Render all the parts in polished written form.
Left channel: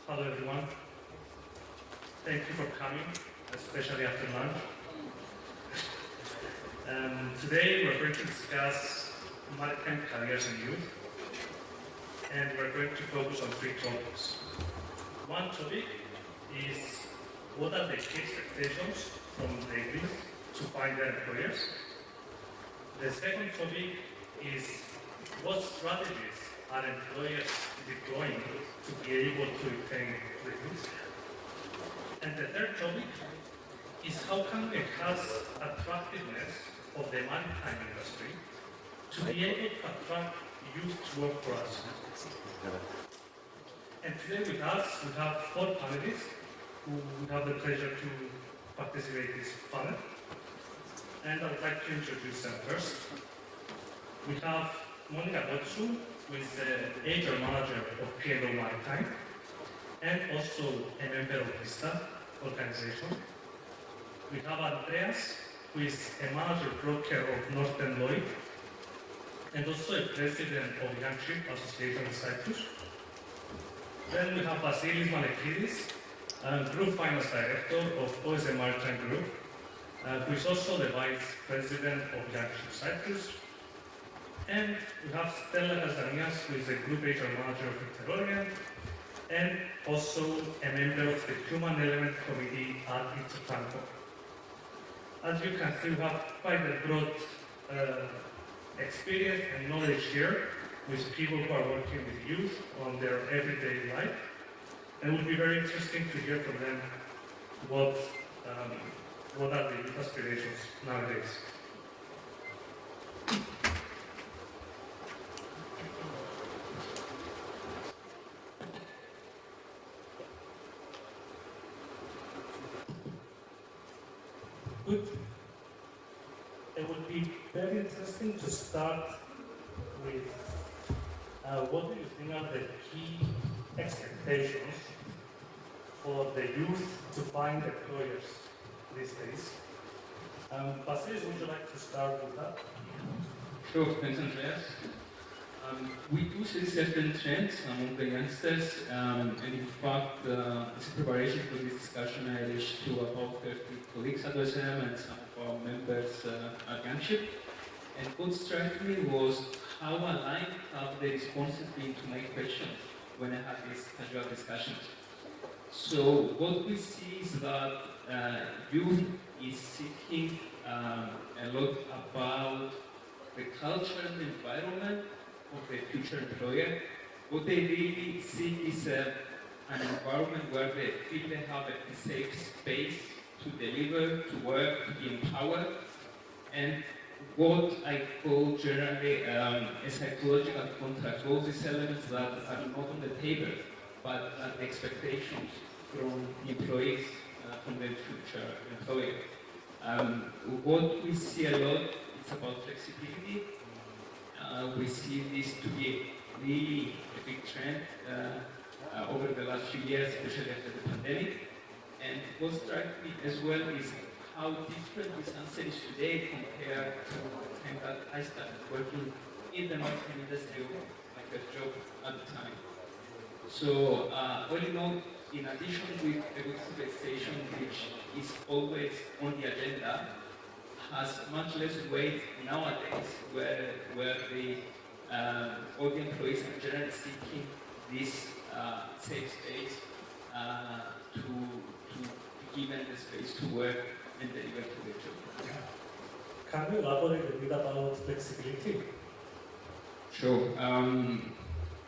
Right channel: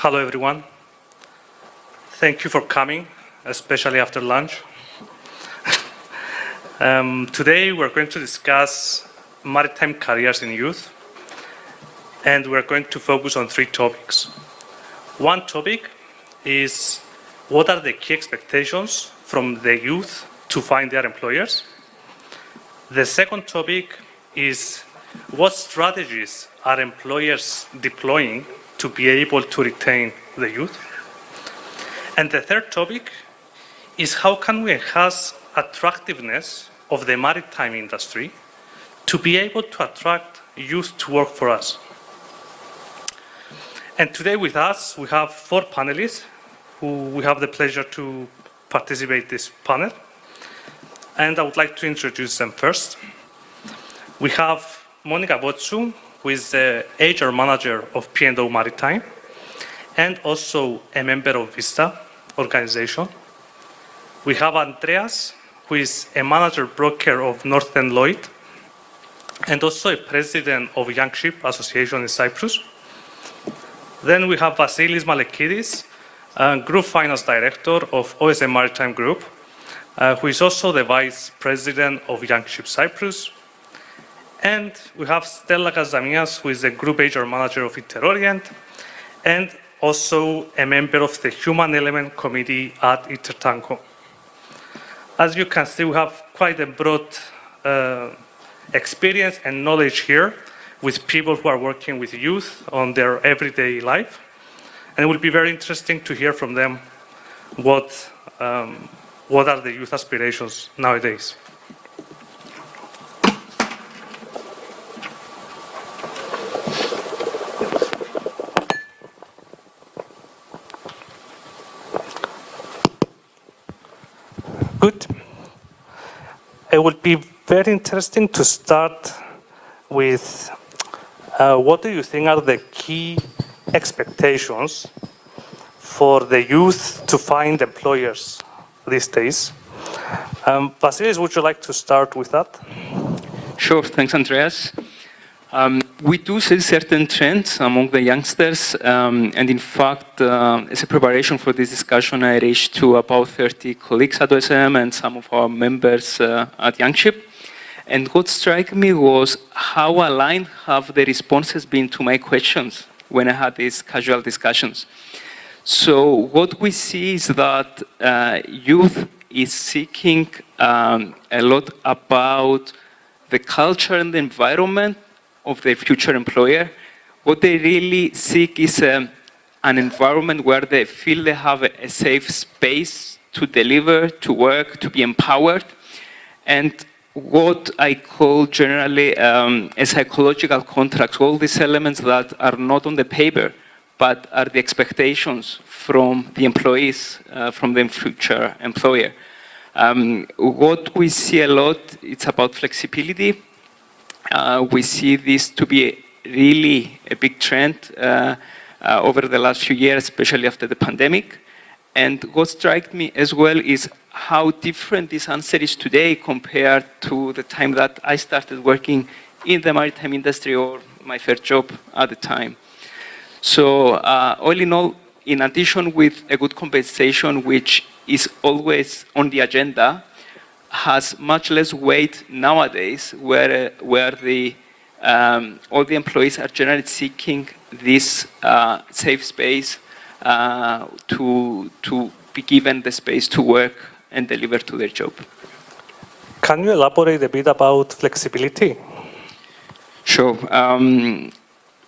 Hello, everyone. Thank you for coming, especially after lunch. Today, we're going to discuss maritime careers in youth, and we're going to focus on 3 topics. One topic is what are the key expectations from the youth to find their employers. The second topic is what strategies are employers deploying to be able to retain the youth. And the third topic is how can we enhance attractiveness of the maritime industry to be able to attract youth to work for us. And today with us, we have 4 panelists who we have the pleasure to participate in this panel. And I would like to introduce them first. We have Potsou, who is the HR manager of P&O Maritime, and also a member of Vista organization. We have Andreas, who is a manager broker of Northern Lloyd, and also a president of Young Ship Association in Cyprus. Then we have Vassilis Malikides, group finance director of OSM Maritime Group, who is also the vice president of Young Ship Cyprus. And we have Stella Kazamias, who is the group HR manager of Interorient, and also a member of the Human Element Committee at Intertanko. As you can see, we have quite a broad experience and knowledge here with people who are working with youth on their everyday life. And it will be very interesting to hear from them what are the youth aspirations nowadays. Good. It would be very interesting to start with what do you think are the key expectations for the youth to find employers these days? Vassilis, would you like to start with that? Sure, thanks, Andreas. We do see certain trends among the youngsters, and in fact, as a preparation for this discussion, I reached to about 30 colleagues at OSM and some of our members at Young Ship. And what struck me was how aligned have the responses been to my questions when I had these casual discussions. So what we see is that youth is seeking a lot about the culture and the environment of their future employer. What they really seek is an environment where they feel they have a safe space to deliver, to work, to be empowered, and what I call generally a psychological contract, all these elements that are not on the paper, but are the expectations from the employees, from the future employer. What we see a lot, it's about flexibility. We see this to be really a big trend over the last few years, especially after the pandemic. And what struck me as well is how different this answer is today compared to the time that I started working in the maritime industry or my first job at the time. So all in all, in addition with a good compensation, which is always on the agenda, has much less weight nowadays, where all the employees are generally seeking this safe space to be given the space to work and deliver to their job. Can you elaborate a bit about flexibility? Sure.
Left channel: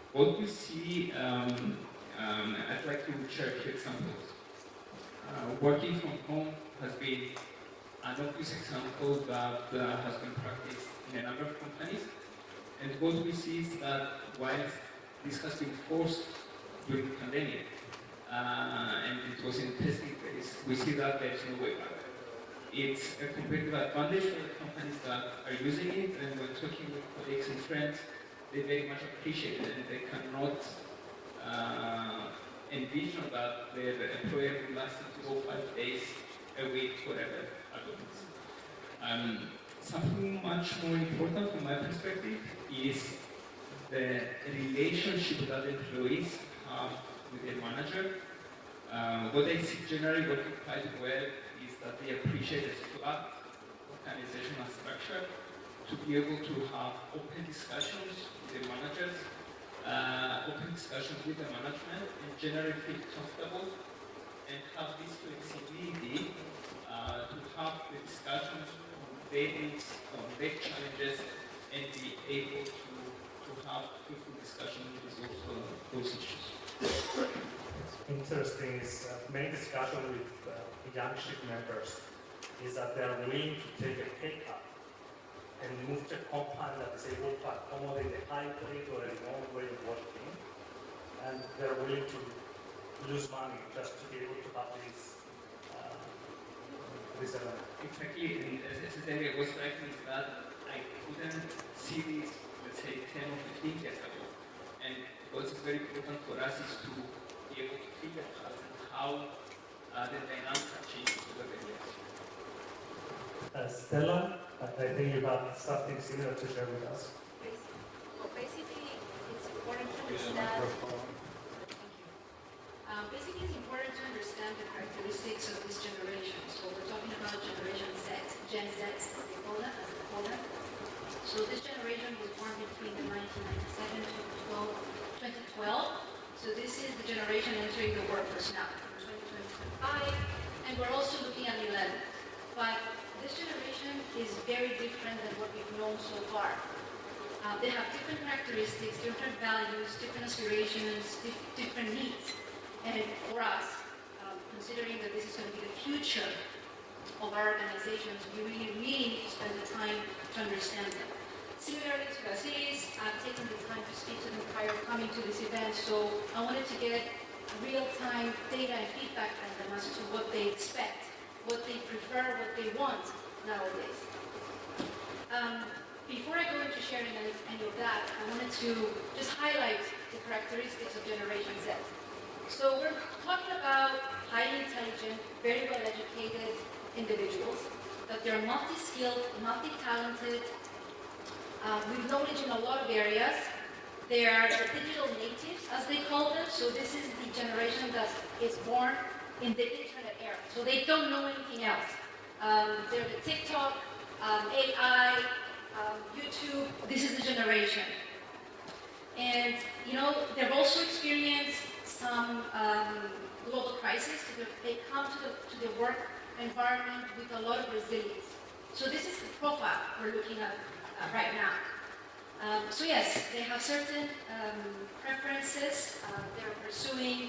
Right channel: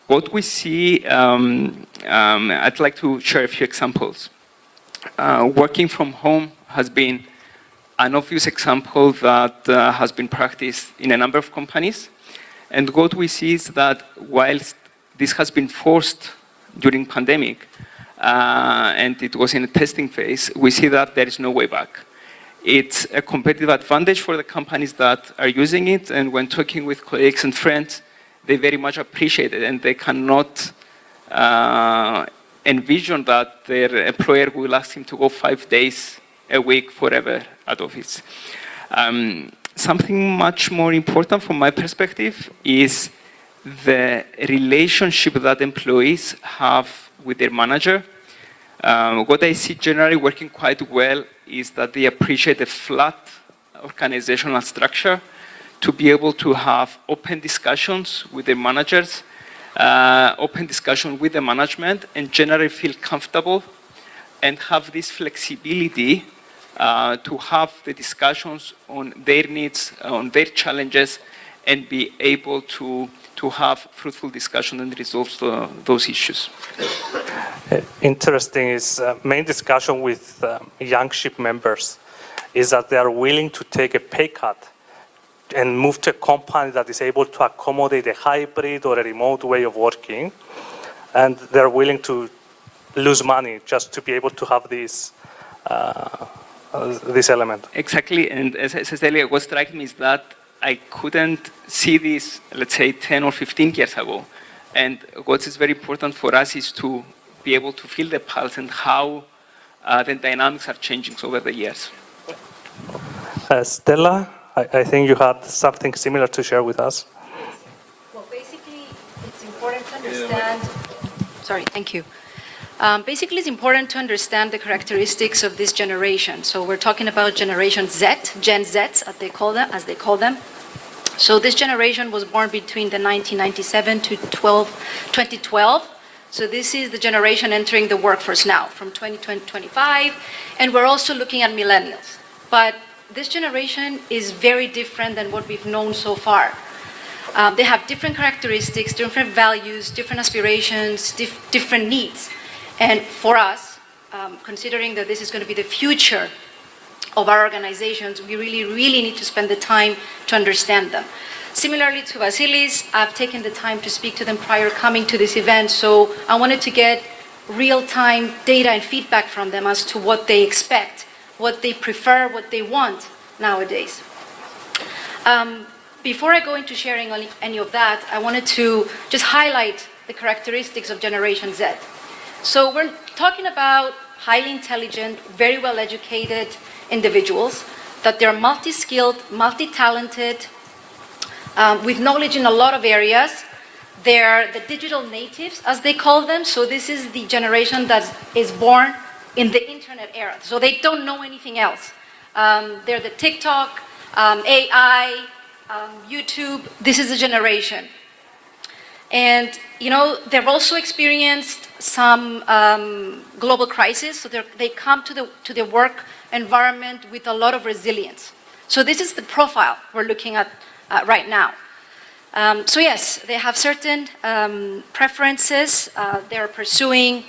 What we see, I'd like to share a few examples. Working from home has been an obvious example that has been practiced in a number of companies. And what we see is that whilst this has been forced during pandemic, and it was in a testing phase, we see that there is no way back. It's a competitive advantage for the companies that are using it, and when talking with colleagues and friends, they very much appreciate it, and they cannot envision that their employer will ask him to go 5 days a week forever at office. Something much more important from my perspective is the relationship that employees have with their manager. What I see generally working quite well is that they appreciate a flat organizational structure to be able to have open discussions with their managers, open discussion with the management, and generally feel comfortable and have this flexibility to have the discussions on their needs, on their challenges, and be able to have fruitful discussion and resolve those issues. Interesting is main discussion with young ship members is that they are willing to take a pay cut and move to a company that is able to accommodate a hybrid or a remote way of working, and they're willing to lose money just to be able to have this element. Exactly, and as I said earlier, what struck me is that I couldn't see this, let's say, 10 or 15 years ago. And what is very important for us is to be able to feel the pulse and how the dynamics are changing over the years. Stella, I think you had something similar to share with us. Well, basically, it's important to understand. Sorry, thank you. Basically, it's important to understand the characteristics of this generation. So we're talking about Generation Z, Gen Zs, as they call them. So this generation was born between the 1997 to 2012. So this is the generation entering the workforce now, from 2020 to 25. And we're also looking at millennials. But this generation is very different than what we've known so far. They have different characteristics, different values, different aspirations, different needs. And for us, considering that this is going to be the future of our organizations, we really need to spend the time to understand them. Similarly to Vassilis, I've taken the time to speak to them prior coming to this event, so I wanted to get real-time data and feedback from them as to what they expect, what they prefer, what they want nowadays. Before I go into sharing any of that, I wanted to just highlight the characteristics of Generation Z. So we're talking about highly intelligent, very well-educated individuals, that they're multi-skilled, multi-talented, with knowledge in a lot of areas. They're the digital natives, as they call them. So this is the generation that is born in the internet era. So they don't know anything else. They're the TikTok, AI, YouTube. This is the generation. And, you know, they've also experienced some global crisis, so they come to the work environment with a lot of resilience. So this is the profile we're looking at right now. So yes, they have certain preferences. They're pursuing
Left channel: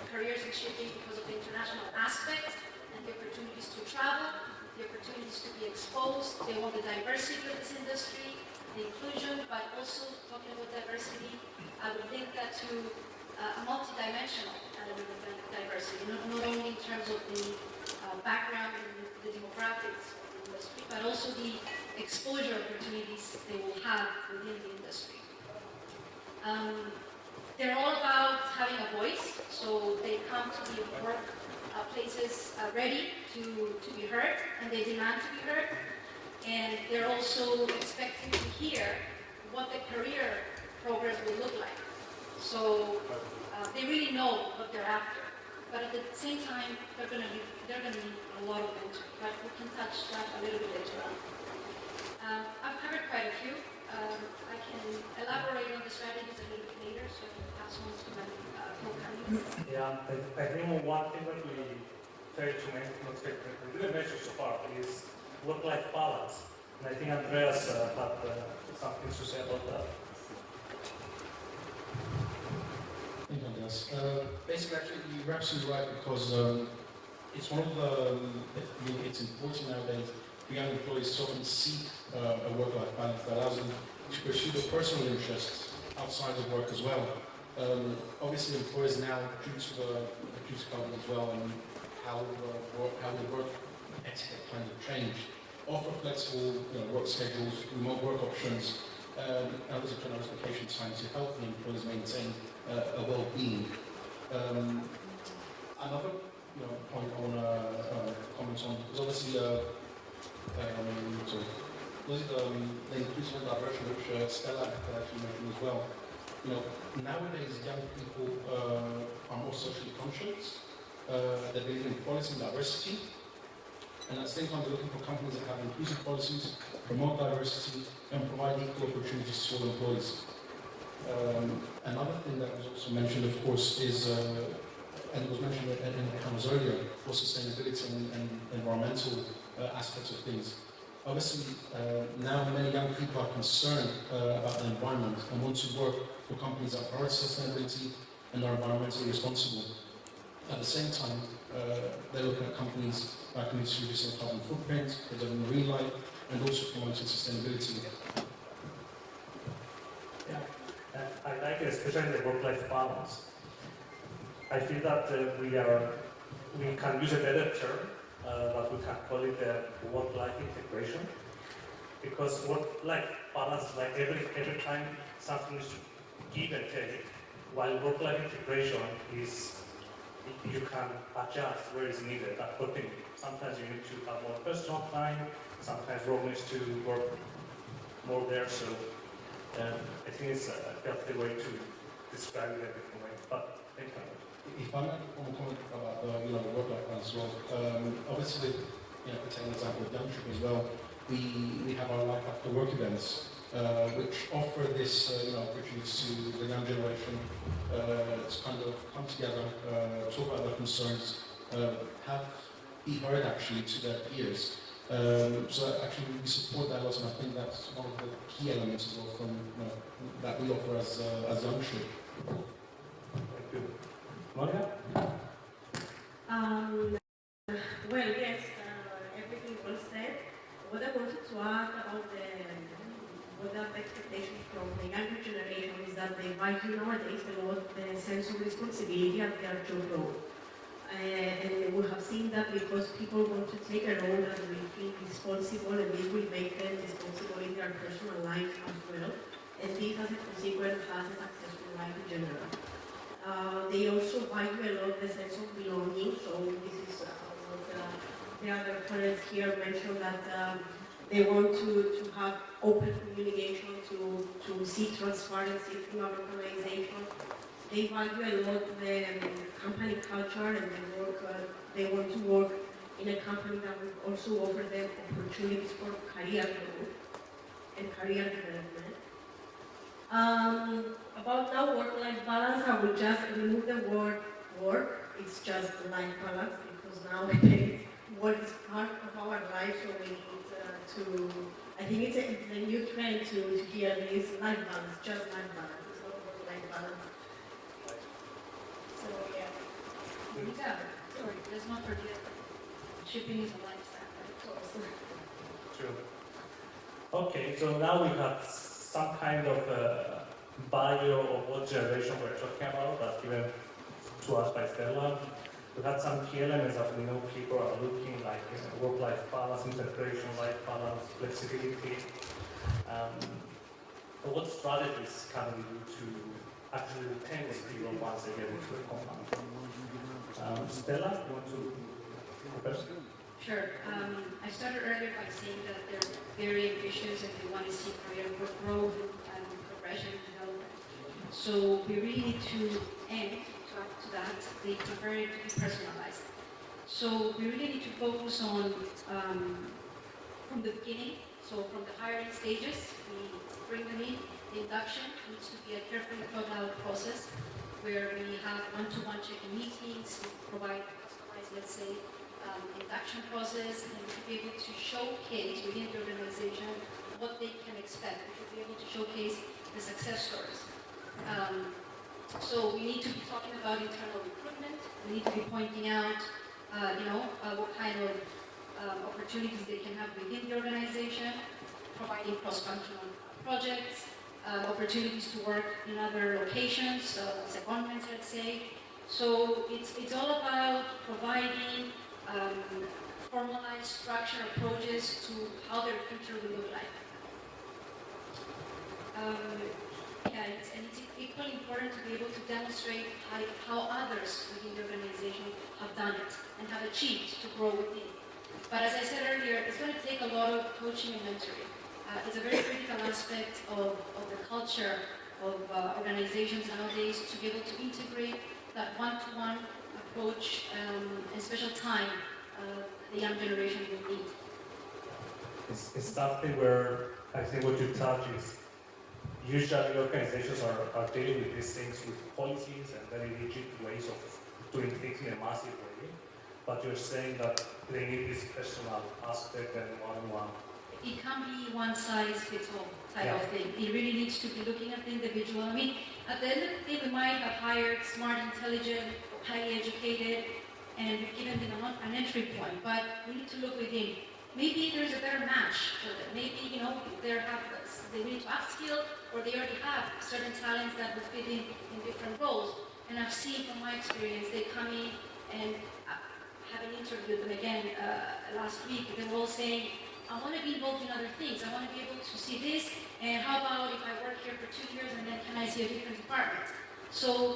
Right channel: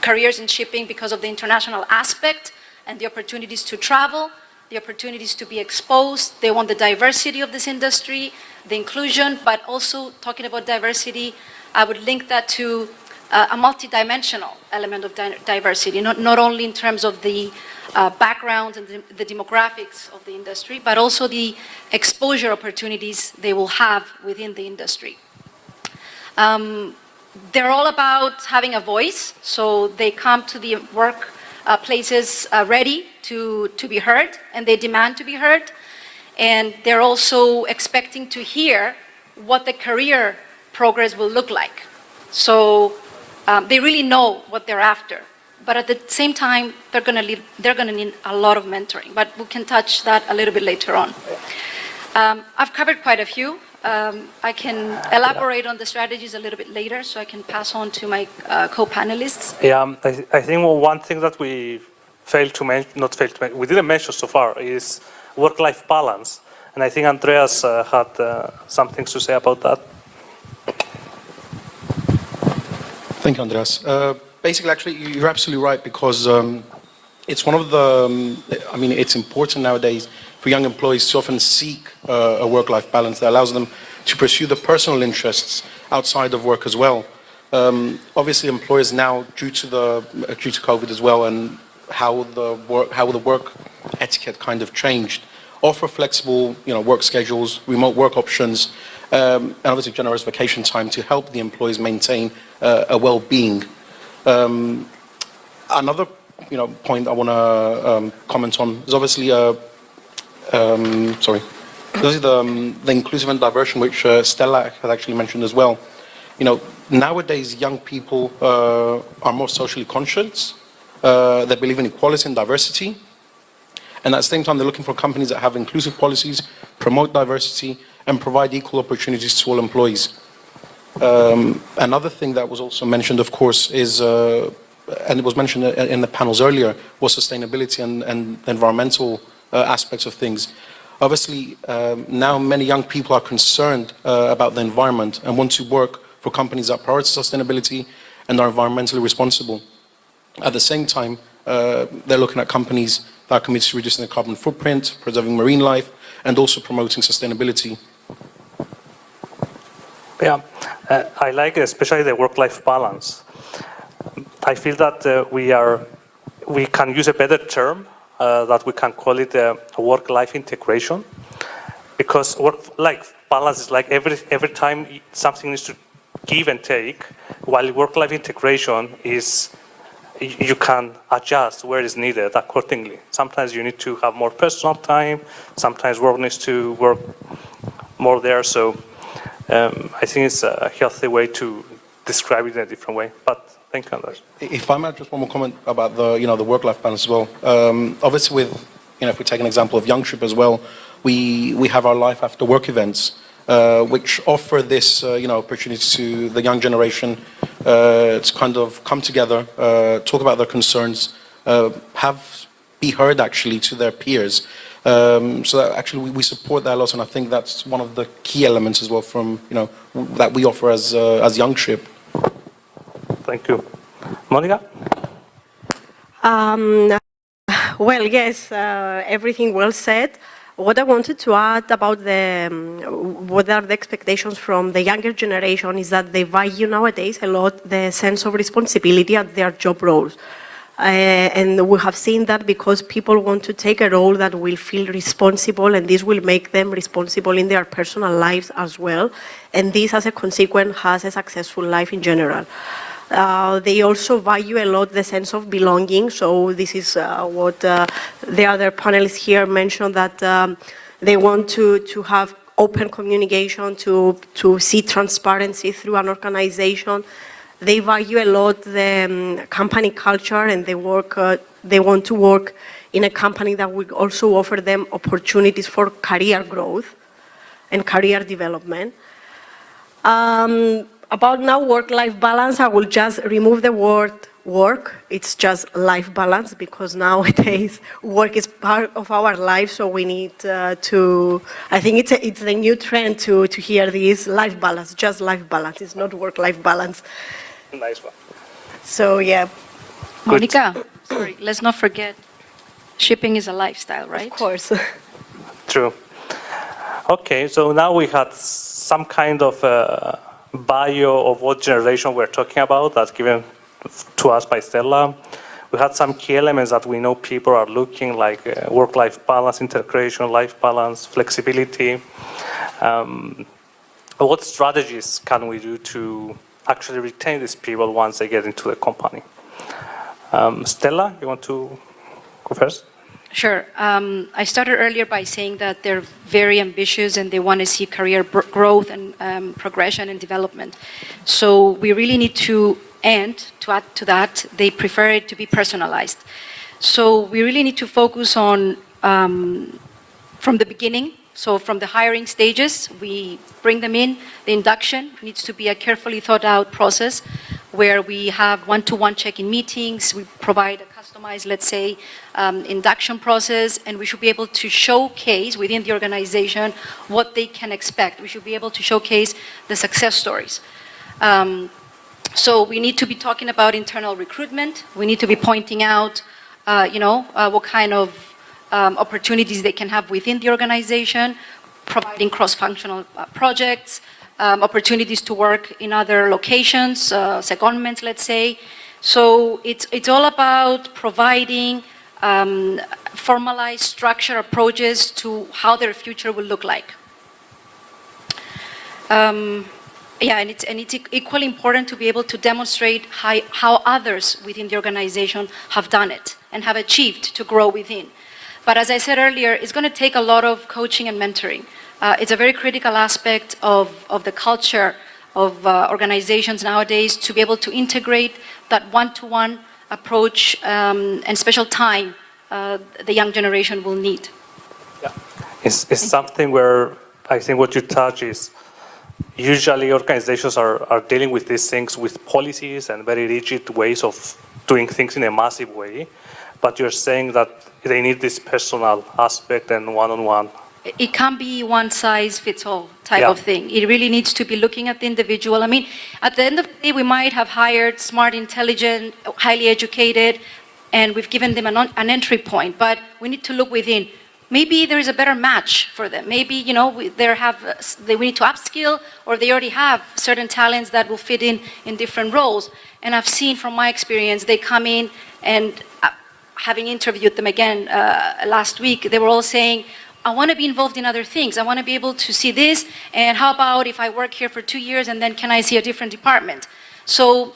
careers in shipping because of the international aspect and the opportunities to travel, the opportunities to be exposed. They want the diversity of this industry, the inclusion, but also talking about diversity, I would link that to a multidimensional element of diversity, not only in terms of the background and the demographics of the industry, but also the exposure opportunities they will have within the industry. They're all about having a voice, so they come to the work places ready to be heard, and they demand to be heard. And they're also expecting to hear what the career progress will look like. So they really know what they're after. But at the same time, they're going to need a lot of mentoring. But we can touch that a little bit later on. I've covered quite a few. I can elaborate on the strategies a little bit later, so I can pass on to my co-panelists. Yeah, I think one thing that we we didn't mention so far is work-life balance. And I think Andreas had some things to say about that. Thank you, Andreas. Basically, actually, you're absolutely right, because it's one of the, it's important nowadays for young employees to often seek a work-life balance that allows them to pursue the personal interests outside of work as well. Obviously, employers now, due to COVID as well, and how the work etiquette kind of changed, offer flexible, work schedules, remote work options, and obviously generous vacation time to help the employees maintain a well-being. Another, point I want to comment on is obviously, the inclusive and diversion, which Stella had actually mentioned as well. nowadays, young people are more socially conscious. They believe in equality and diversity. And at the same time, they're looking for companies that have inclusive policies, promote diversity, and provide equal opportunities to all employees. Another thing that was also mentioned, of course, is, and it was mentioned in the panels earlier, was sustainability and environmental aspects of things. Obviously, now many young people are concerned about the environment and want to work for companies that prioritize sustainability and are environmentally responsible. At the same time, they're looking at companies that are committed to reducing their carbon footprint, preserving marine life, and also promoting sustainability. Yeah, I like especially the work-life balance. I feel that we can use a better term, that we can call it work-life integration, because work-life balance is like every time something needs to give and take, while work-life integration is you can adjust where it's needed accordingly. Sometimes you need to have more personal time, sometimes work needs to work more there, so I think it's a healthy way to describe it in a different way, but thank you, Andreas. If I might just one more comment about the work-life balance as well. Obviously, with if we take an example of Youngship as well, we have our life after work events, which offer this opportunity to the young generation to kind of come together, talk about their concerns, be heard actually to their peers. So that actually we support that a lot, and I think that's one of the key elements as well from that we offer as Youngship. Thank you. Monica? Well, yes, everything well said. What I wanted to add about what are the expectations from the younger generation is that they value nowadays a lot the sense of responsibility at their job roles. And we have seen that because people want to take a role that will feel responsible, and this will make them responsible in their personal lives as well. And this, as a consequence, has a successful life in general. They also value a lot the sense of belonging. So this is what the other panelists here mentioned, that they want to have open communication, to see transparency through an organization. They value a lot the company culture, and they want to work in a company that will also offer them opportunities for career growth and career development. About now work-life balance, I will just remove the word work. It's just life balance, because nowadays work is part of our life, so we need I think it's a new trend to hear this life balance, just life balance. It's not work-life balance. Nice one. So yeah. Monica, sorry, let's not forget, shipping is a lifestyle, right? Of course. True. Okay, so now we had some kind of bio of what generation we're talking about, that's given to us by Stella. We had some key elements that we know people are looking, like work-life balance, integration, life balance, flexibility. What strategies can we do to actually retain these people once they get into the company? Stella, you want to go first? Sure. I started earlier by saying that they're very ambitious and they want to see career growth and progression and development. So we really need to add to that, they prefer it to be personalized. So we really need to focus on, from the beginning, so from the hiring stages, we bring them in. The induction needs to be a carefully thought out process where we have one-to-one check-in meetings, we provide a customized, let's say, induction process, and we should be able to showcase within the organization what they can expect. We should be able to showcase the success stories. So we need to be talking about internal recruitment. We need to be pointing out, what kind of opportunities they can have within the organization, providing cross-functional projects, opportunities to work in other locations, secondments, let's say. So it's all about providing formalized structure approaches to how their future will look like. And it's equally important to be able to demonstrate how others within the organization have done it and have achieved to grow within. But as I said earlier, it's going to take a lot of coaching and mentoring. It's a very critical aspect of the culture organizations nowadays to be able to integrate that one-to-one approach and special time the young generation will need. Yeah. It's something where I think what you touch is usually organizations are dealing with these things with policies and very rigid ways of doing things in a massive way, but you're saying that they need this personal aspect and one-on-one. It can't be one-size-fits-all type of thing. It really needs to be looking at the individual. I mean, at the end of the day, we might have hired smart, intelligent, highly educated, and we've given them an entry point, but we need to look within. Maybe there is a better match for them. Maybe, we need to upskill, or they already have certain talents that will fit in different roles. And I've seen from my experience, they come in and having interviewed them again last week, they were all saying, I want to be involved in other things. I want to be able to see this, and how about if I work here for 2 years and then can I see a different department? So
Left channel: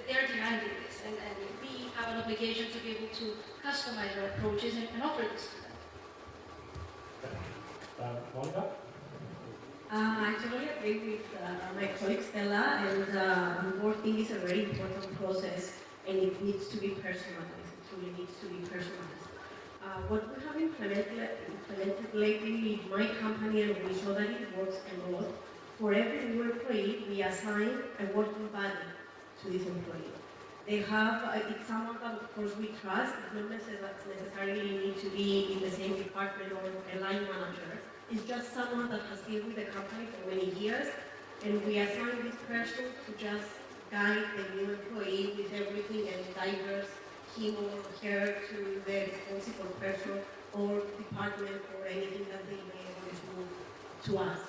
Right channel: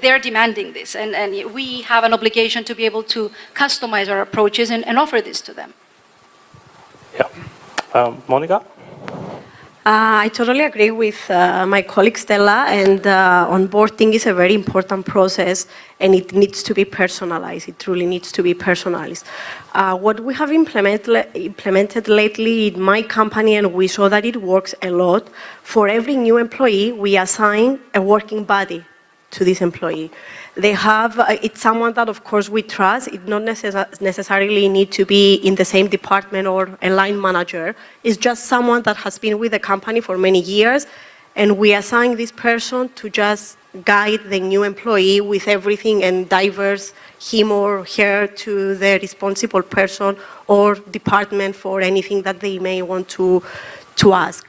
they're demanding this, and we have an obligation to be able to customize our approaches and offer this to them. Yeah. Monica? I totally agree with my colleague Stella, and onboarding is a very important process, and it needs to be personalized. It truly needs to be personalized. What we have implemented lately in my company, and we saw that it works a lot, for every new employee, we assign a working buddy to this employee. They have, it's someone that of course we trust. It not necessarily need to be in the same department or a line manager. It's just someone that has been with the company for many years, and we assign this person to just guide the new employee with everything and diverse him or her to the responsible person or department for anything that they may want to ask.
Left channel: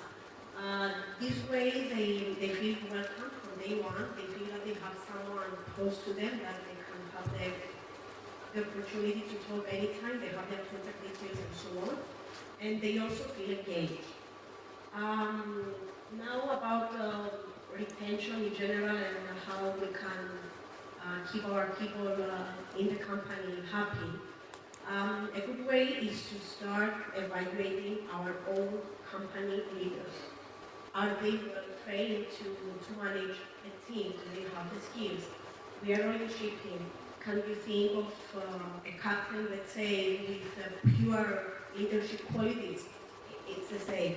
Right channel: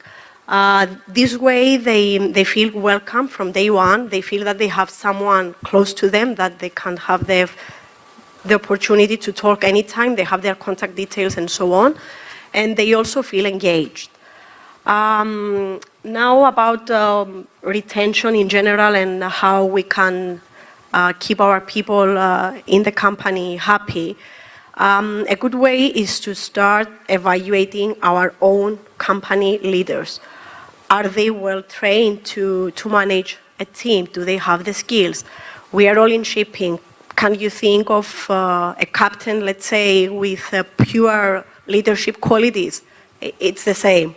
This way, they feel welcome from day one. They feel that they have someone close to them, that they can have the opportunity to talk anytime. They have their contact details and so on. And they also feel engaged. Now about retention in general and how we can keep our people in the company happy. A good way is to start evaluating our own company leaders. Are they well trained to manage a team? Do they have the skills? We are all in shipping. Can you think of a captain, let's say, with pure leadership qualities? It's the same.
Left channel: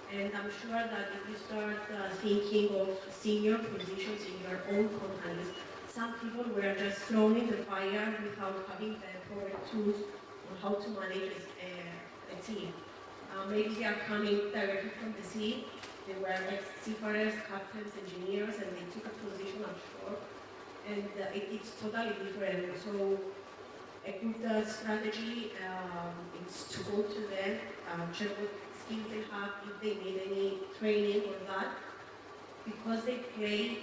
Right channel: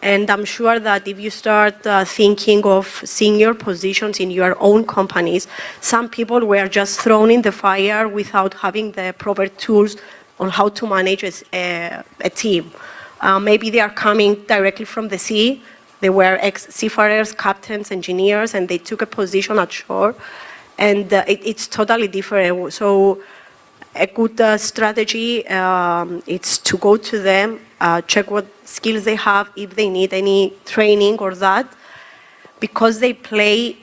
And I'm sure that if you start thinking of senior positions in your own companies, some people were just thrown in the fire without having the proper tools on how to manage a team. Maybe they are coming directly from the sea. They were ex-seafarers, captains, engineers, and they took a position at shore. And it's totally different. So a good strategy is to go to them, check what skills they have, if they need any training or that. Because they play,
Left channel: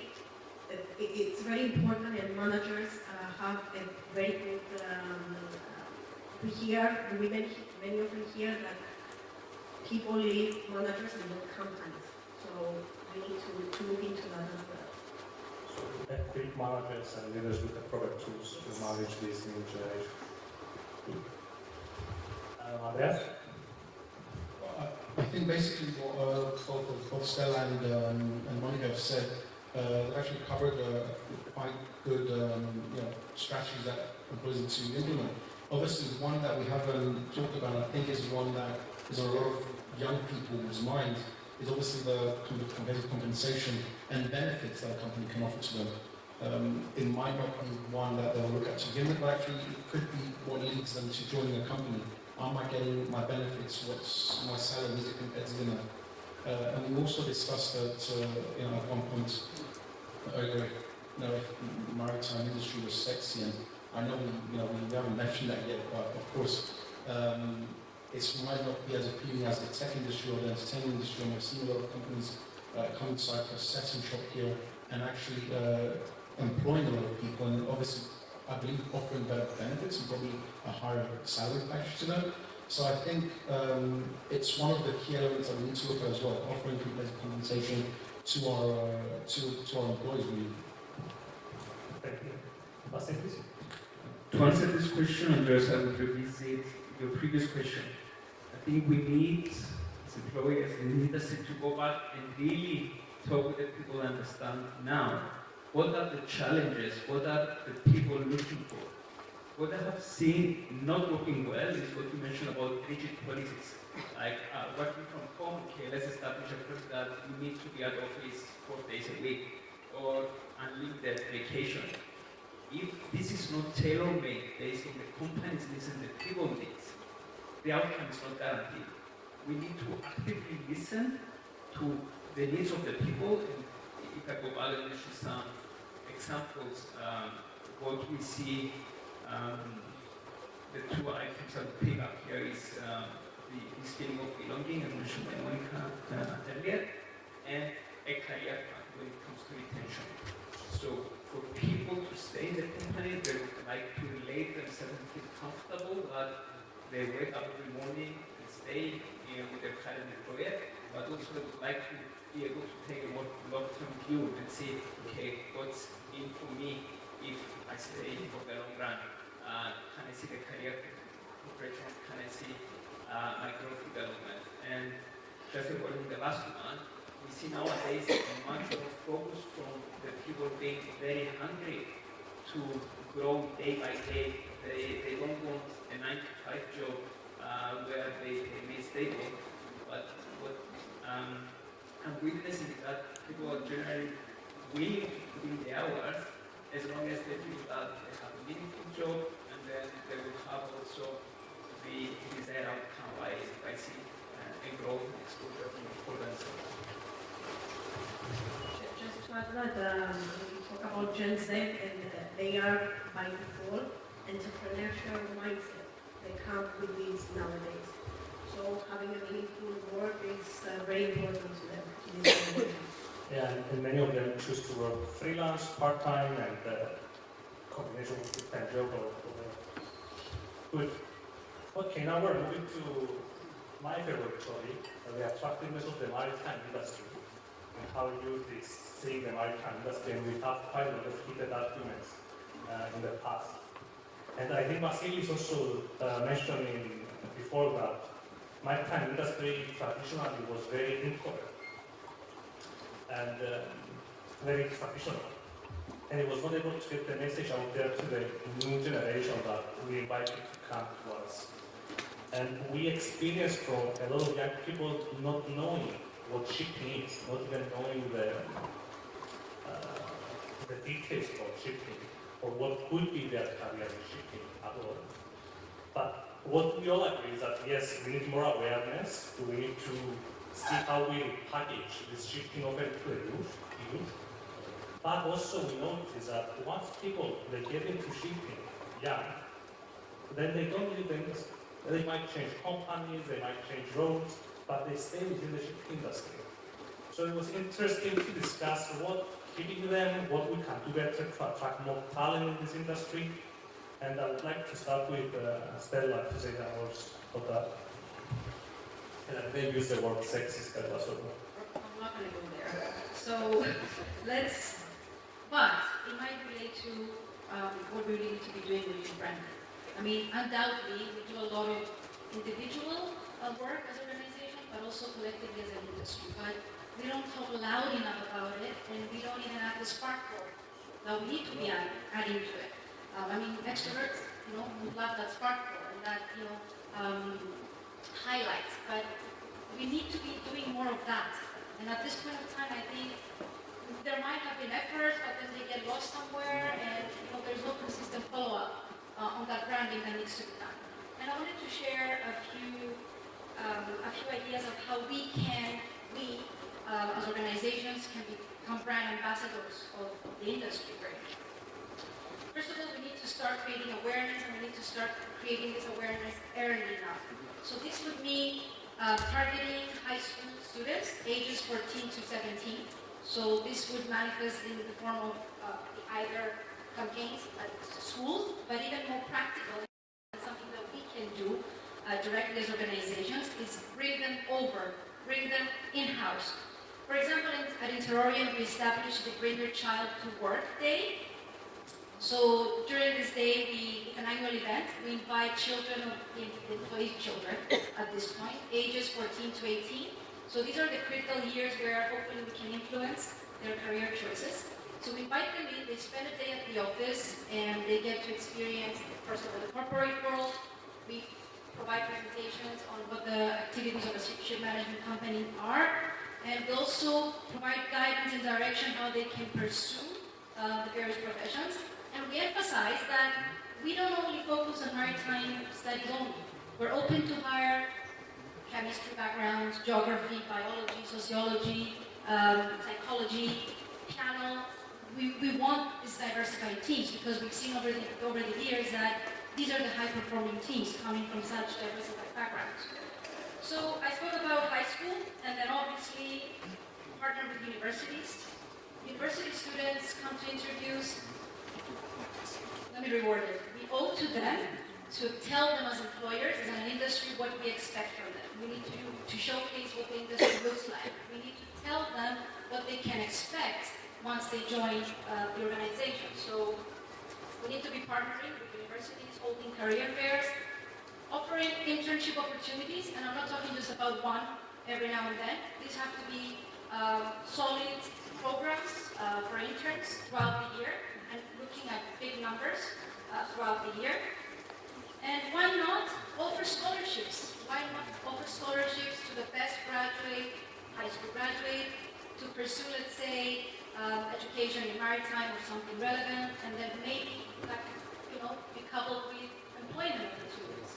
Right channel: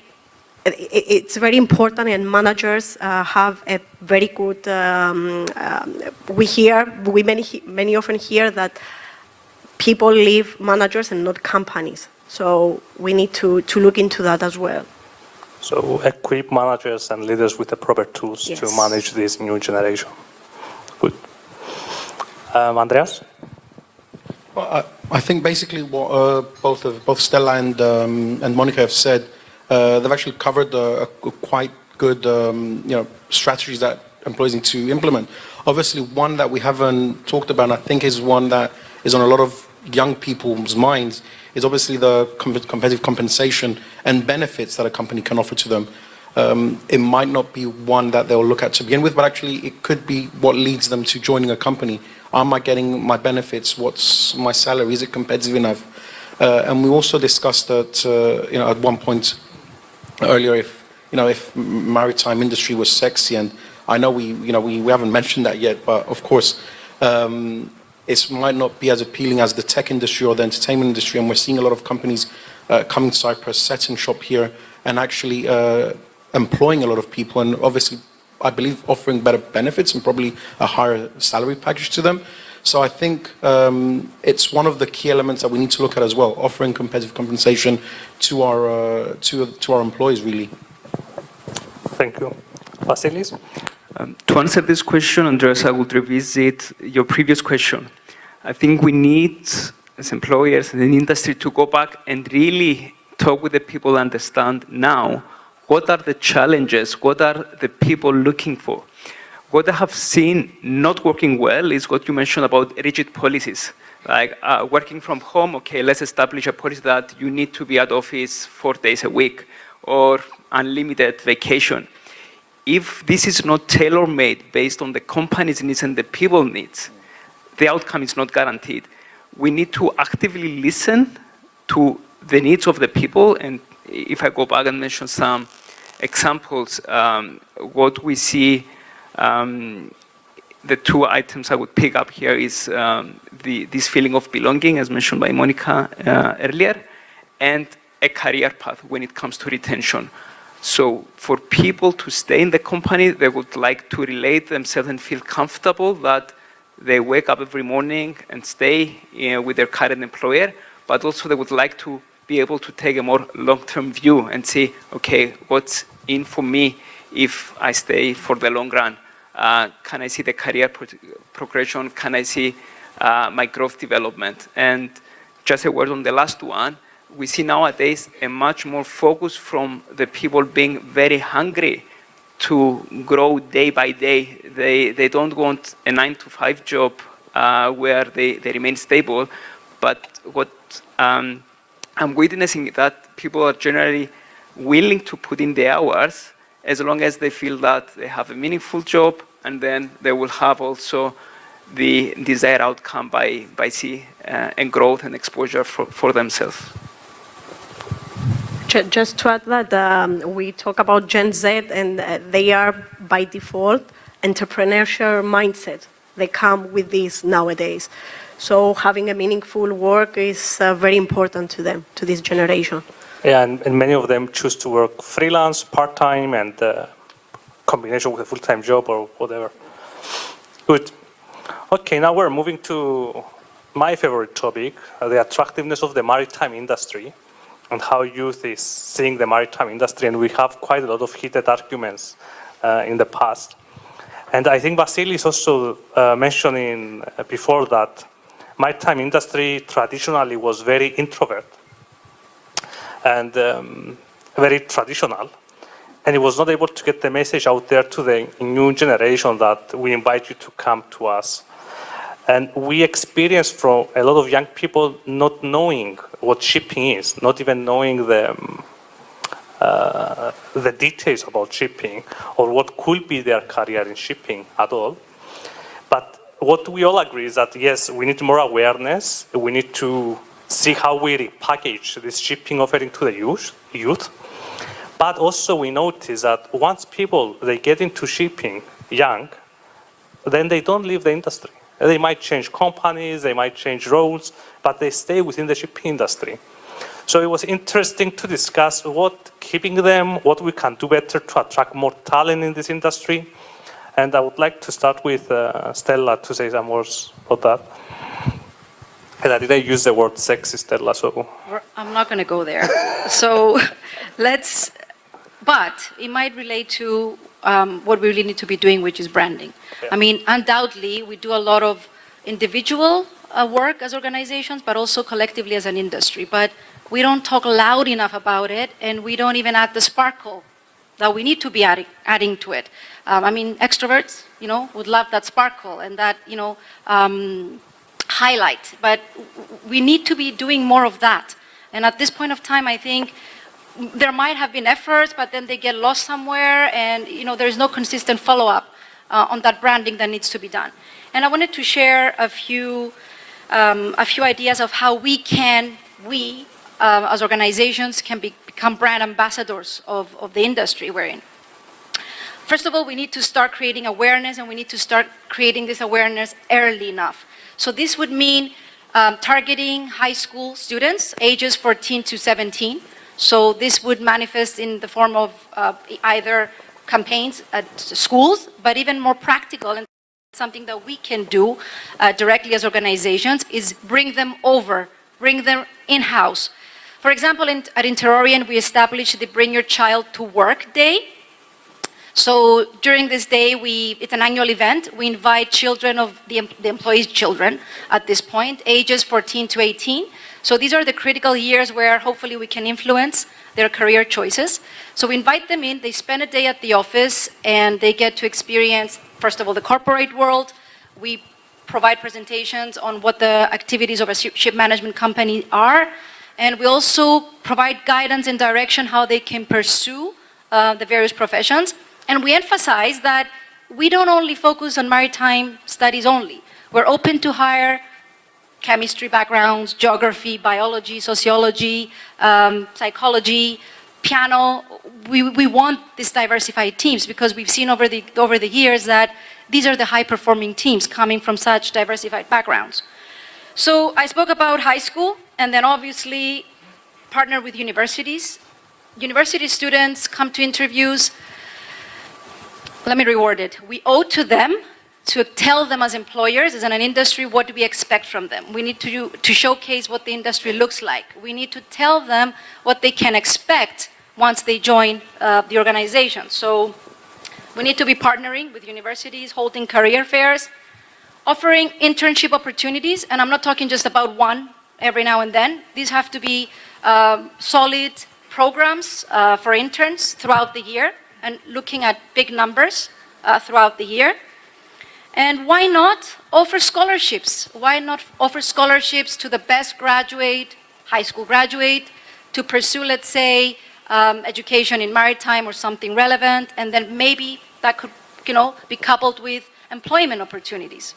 it's very important, and managers have a very good, we many often hear that people leave managers and not companies. So we need to look into that as well. So equip managers and leaders with the proper tools to manage this new generation. Good. Andreas? Well, I think basically what both Stella and Monica have said, they've actually covered quite good strategies that employees need to implement. Obviously, one that we haven't talked about, I think, is one that is on a lot of young people's minds, is obviously the competitive compensation and benefits that a company can offer to them. It might not be one that they'll look at to begin with, but actually it could be what leads them to joining a company. Am I getting my benefits? What's my salary? Is it competitive enough? And we also discussed that, at one point earlier, if maritime industry was sexy, and I know we haven't mentioned that yet, but of course, it might not be as appealing as the tech industry or the entertainment industry, and we're seeing a lot of companies coming to Cyprus, setting shop here, and actually employing a lot of people, and obviously, I believe, offering better benefits and probably a higher salary package to them. So I think it's one of the key elements that we need to look at as well, offering competitive compensation to our employees, really. Thank you. Vassilis? To answer this question, Andreas, I would revisit your previous question. I think we need, as employers and the industry, to go back and really talk with the people, understand now what are the challenges, what are the people looking for. What I have seen not working well is what you mentioned about rigid policies. Like working from home, okay, let's establish a policy that you need to be at office 4 days a week, or unlimited vacation. If this is not tailor-made based on the company's needs and the people needs, the outcome is not guaranteed. We need to actively listen to the needs of the people, and if I go back and mention some examples, what we see, the two items I would pick up here is this feeling of belonging, as mentioned by Monica earlier, and a career path when it comes to retention. So for people to stay in the company, they would like to relate themselves and feel comfortable that they wake up every morning and stay with their current employer, but also they would like to be able to take a more long-term view and see, okay, what's in for me if I stay for the long run? Can I see the career progression? Can I see my growth development? And just a word on the last one, we see nowadays a much more focus from the people being very hungry to grow day by day. They don't want a 9-to-5 job where they remain stable, but what I'm witnessing that people are generally willing to put in the hours as long as they feel that they have a meaningful job, and then they will have also the desired outcome by and growth and exposure for themselves. Just to add that we talk about Gen Z, and they are by default entrepreneurial mindset. They come with this nowadays. So having a meaningful work is very important to them, to this generation. Yeah, and many of them choose to work freelance, part-time, and combination with a full-time job or whatever. Good. Okay, now we're moving to my favorite topic, the attractiveness of the maritime industry and how youth is seeing the maritime industry. And we have quite a lot of heated arguments in the past. And I think Vassilis also mentioning before that maritime industry traditionally was very introvert and very traditional. And it was not able to get the message out there to the new generation that we invite you to come to us. And we experienced from a lot of young people not knowing what shipping is, not even knowing the details about shipping or what could be their career in shipping at all. But what we all agree is that, yes, we need more awareness. We need to see how we repackage this shipping offering to the youth. But also we notice that once people, they get into shipping young, then they don't leave the industry. They might change companies, they might change roles, but they stay within the shipping industry. So it was interesting to discuss what keeping them, what we can do better to attract more talent in this industry. And I would like to start with Stella to say some words about that. And I didn't use the word sexy, Stella, so. I'm not going to go there. So but it might relate to what we really need to be doing, which is branding. Yeah. I mean, undoubtedly, we do a lot of individual work as organizations, but also collectively as an industry. But we don't talk loud enough about it, and we don't even add the sparkle that we need to be adding to it. I mean, extroverts, would love that sparkle and that, highlight. But we need to be doing more of that. And at this point of time, I think there might have been efforts, but then they get lost somewhere, and there's no consistent follow-up on that branding that needs to be done. And I wanted to share a few ideas of how we as organizations can become brand ambassadors of the industry we're in. First of all, we need to start creating awareness, and we need to start creating this awareness early enough. So this would mean targeting high school students, ages 14 to 17. So this would manifest in the form of either campaigns at schools, but even more practical, and something that we can do directly as organizations is bring them over, bring them in-house. For example, at Interorient, we established the Bring Your Child to Work Day. So during this day, it's an annual event. We invite children of the employees' children at this point, ages 14 to 18. So these are the critical years where hopefully we can influence their career choices. So we invite them in, they spend a day at the office, and they get to experience, first of all, the corporate world. We provide presentations on what the activities of a ship management company are, and we also provide guidance and direction how they can pursue the various professions. And we emphasize that we don't only focus on maritime studies only. We're open to hire chemistry backgrounds, geography, biology, sociology, psychology, piano. We want these diversified teams because we've seen over the years that these are the high-performing teams coming from such diversified backgrounds. So I spoke about high school, and then obviously partner with universities. University students come to interviews. Let me reword it. We owe to them to tell them as employers, as in an industry, what do we expect from them. We need to showcase what the industry looks like. We need to tell them what they can expect once they join the organization. So we need to be partnering with universities, holding career fairs, offering internship opportunities, and I'm not talking just about one every now and then. These have to be solid programs for interns throughout the year and looking at big numbers throughout the year. And why not offer scholarships? Why not offer scholarships to the best graduate, high school graduate, to pursue, let's say, education in maritime or something relevant, and then maybe that could, be coupled with employment opportunities.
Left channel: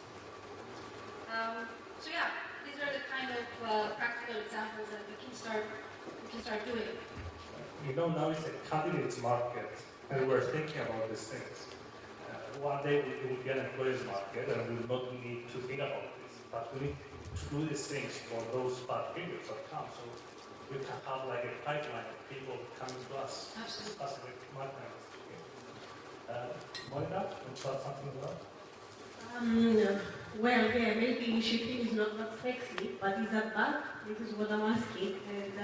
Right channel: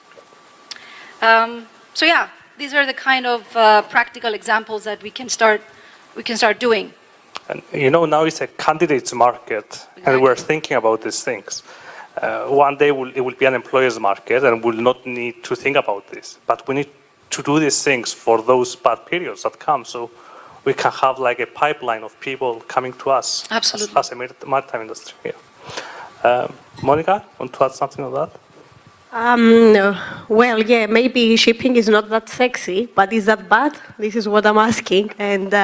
So yeah, these are the kind of practical examples that we can start doing. And now it's a candidates market, and we're thinking about these things. One day it will be an employer's market, and we'll not need to think about this. But we need to do these things for those bad periods that come, so we can have like a pipeline of people coming to us. Absolutely. As a maritime industry. Yeah. Monica, want to add something on that? Well, yeah, maybe shipping is not that sexy, but is that bad? This is what I'm asking. And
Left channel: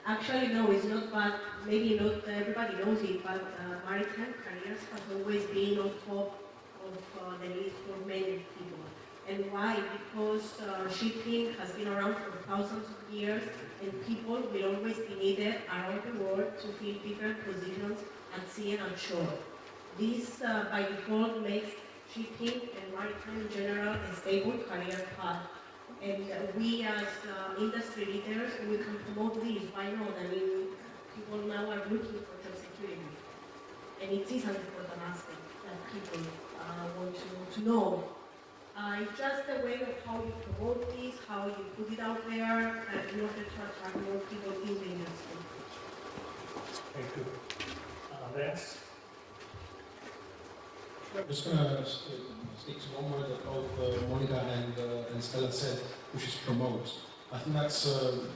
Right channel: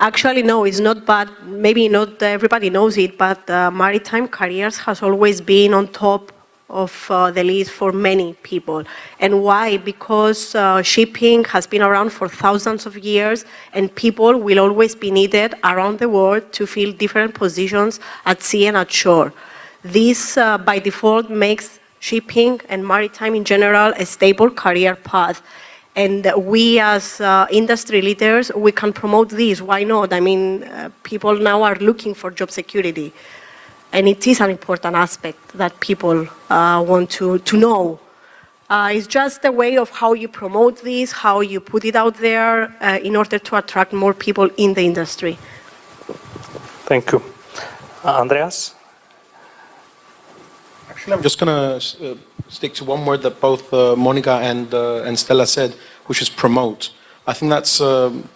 actually, no, it's not bad. Maybe not everybody knows it, but maritime careers has always been on top of the list for many people. And why? Because shipping has been around for thousands of years, and people will always be needed around the world to fill different positions at sea and at shore. This, by default, makes shipping and maritime in general a stable career path. And we as industry leaders, we can promote this. Why not? I mean, people now are looking for job security. And it is an important aspect that people want to know. It's just a way of how you promote this, how you put it out there in order to attract more people in the industry. Thank you. Andreas? Actually, I'm just going to stick to one word that both Monica and Stella said, which is promote. I think that's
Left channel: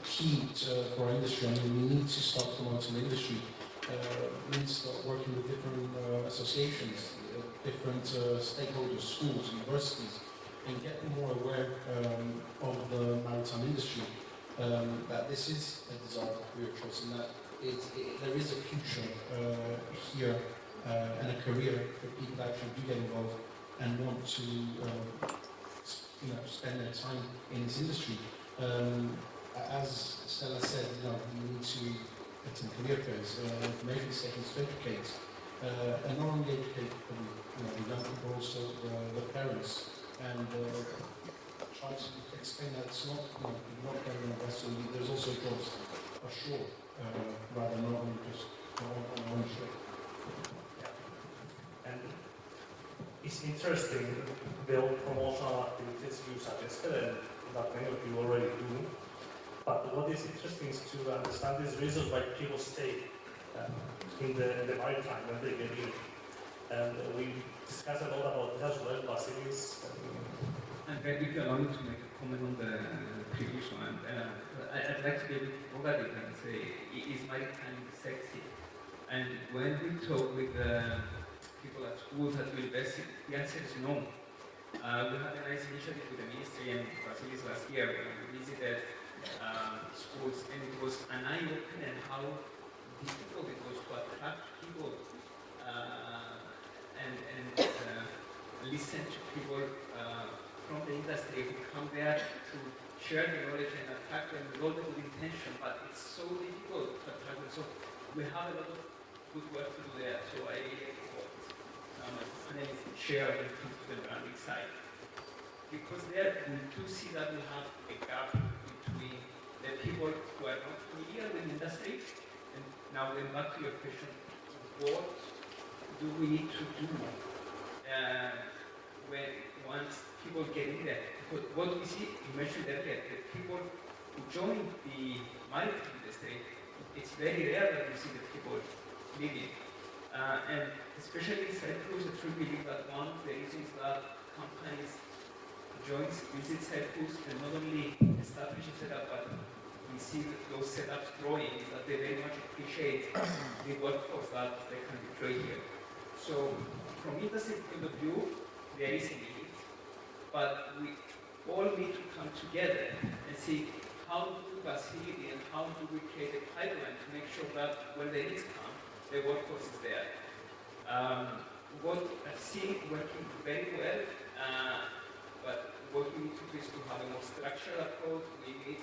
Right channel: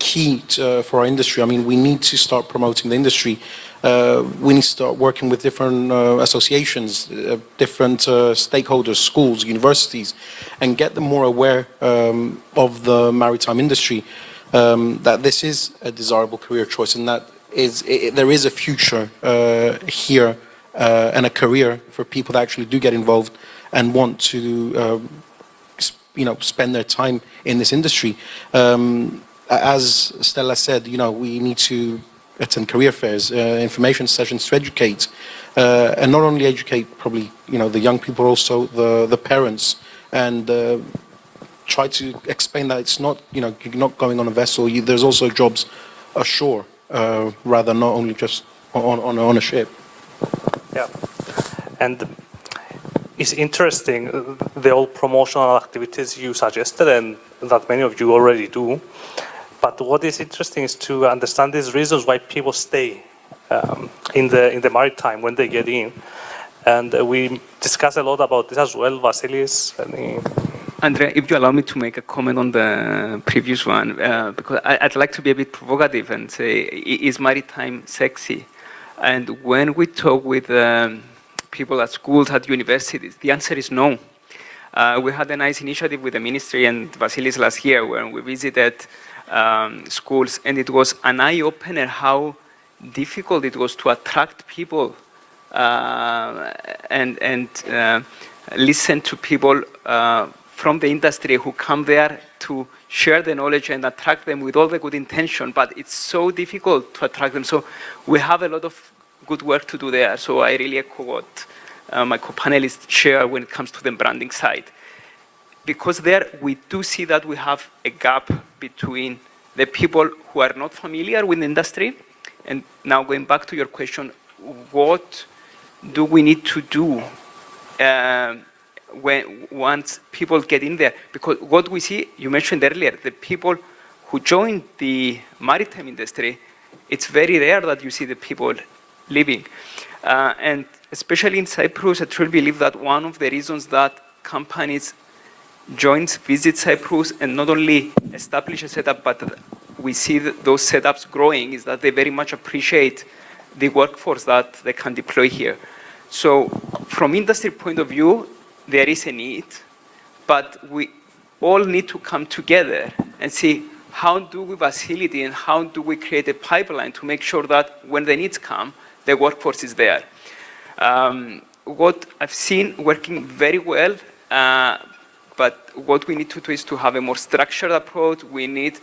key for our industry. I mean, we need to start promoting the industry. We need to start working with different associations, different stakeholders, schools, universities, and get them more aware of the maritime industry, that this is a desirable career choice, and that there is a future here and a career for people that actually do get involved and want to spend their time in this industry. As Stella said, we need to attend career fairs, information sessions to educate, and not only educate probably the young people, also the parents, and try to explain that it's not you're not going on a vessel. There's also jobs ashore, rather not only just on a ship. Yeah, and it's interesting the all promotional activities you suggested, and that many of you already do. But what is interesting is to understand these reasons why people stay in the maritime when they get in. And we discuss a lot about this as well, Vassilis. Andrea, if you allow me to make a comment on the previous one, because I'd like to be a bit provocative and say, is maritime sexy? And when we talk with people at schools, at universities, the answer is no. We had a nice initiative with the ministry and Vassilis last year when we visited schools, and it was an eye-opener how difficult it was to attract people and listen to people from the industry who come there to share the knowledge and attract them with all the good intention, but it's so difficult to attract them. So we have a lot of good work to do there. So I really echo what my co-panelists share when it comes to the branding side. Because there we do see that we have a gap between the people who are not familiar with the industry. And now going back to your question, what do we need to do once people get in there? Because what we see, you mentioned earlier, the people who join the maritime industry, it's very rare that you see the people leaving. And especially in Cyprus, I truly believe that one of the reasons that companies visit Cyprus and not only establish a setup, but we see those setups growing, is that they very much appreciate the workforce that they can deploy here. So from industry point of view, there is a need, but we all need to come together and see how do we facilitate and how do we create a pipeline to make sure that when the needs come, the workforce is there. What I've seen working very well, but what we need to do is to have a more structured approach. We need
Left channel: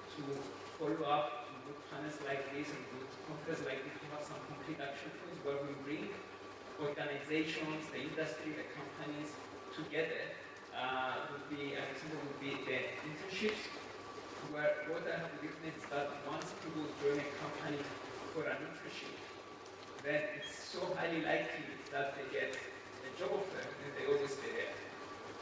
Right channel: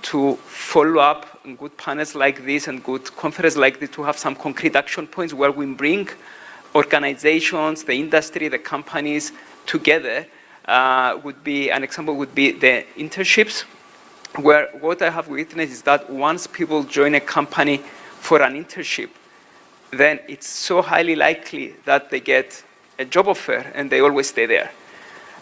to follow up in good panels like this and good conferences like this to have some concrete action points where we bring organizations, the industry, the companies together. Would be an example would be the internships, where what I have witnessed is that once people join a company for an internship, then it's so highly likely that they get a job offer and they always stay there.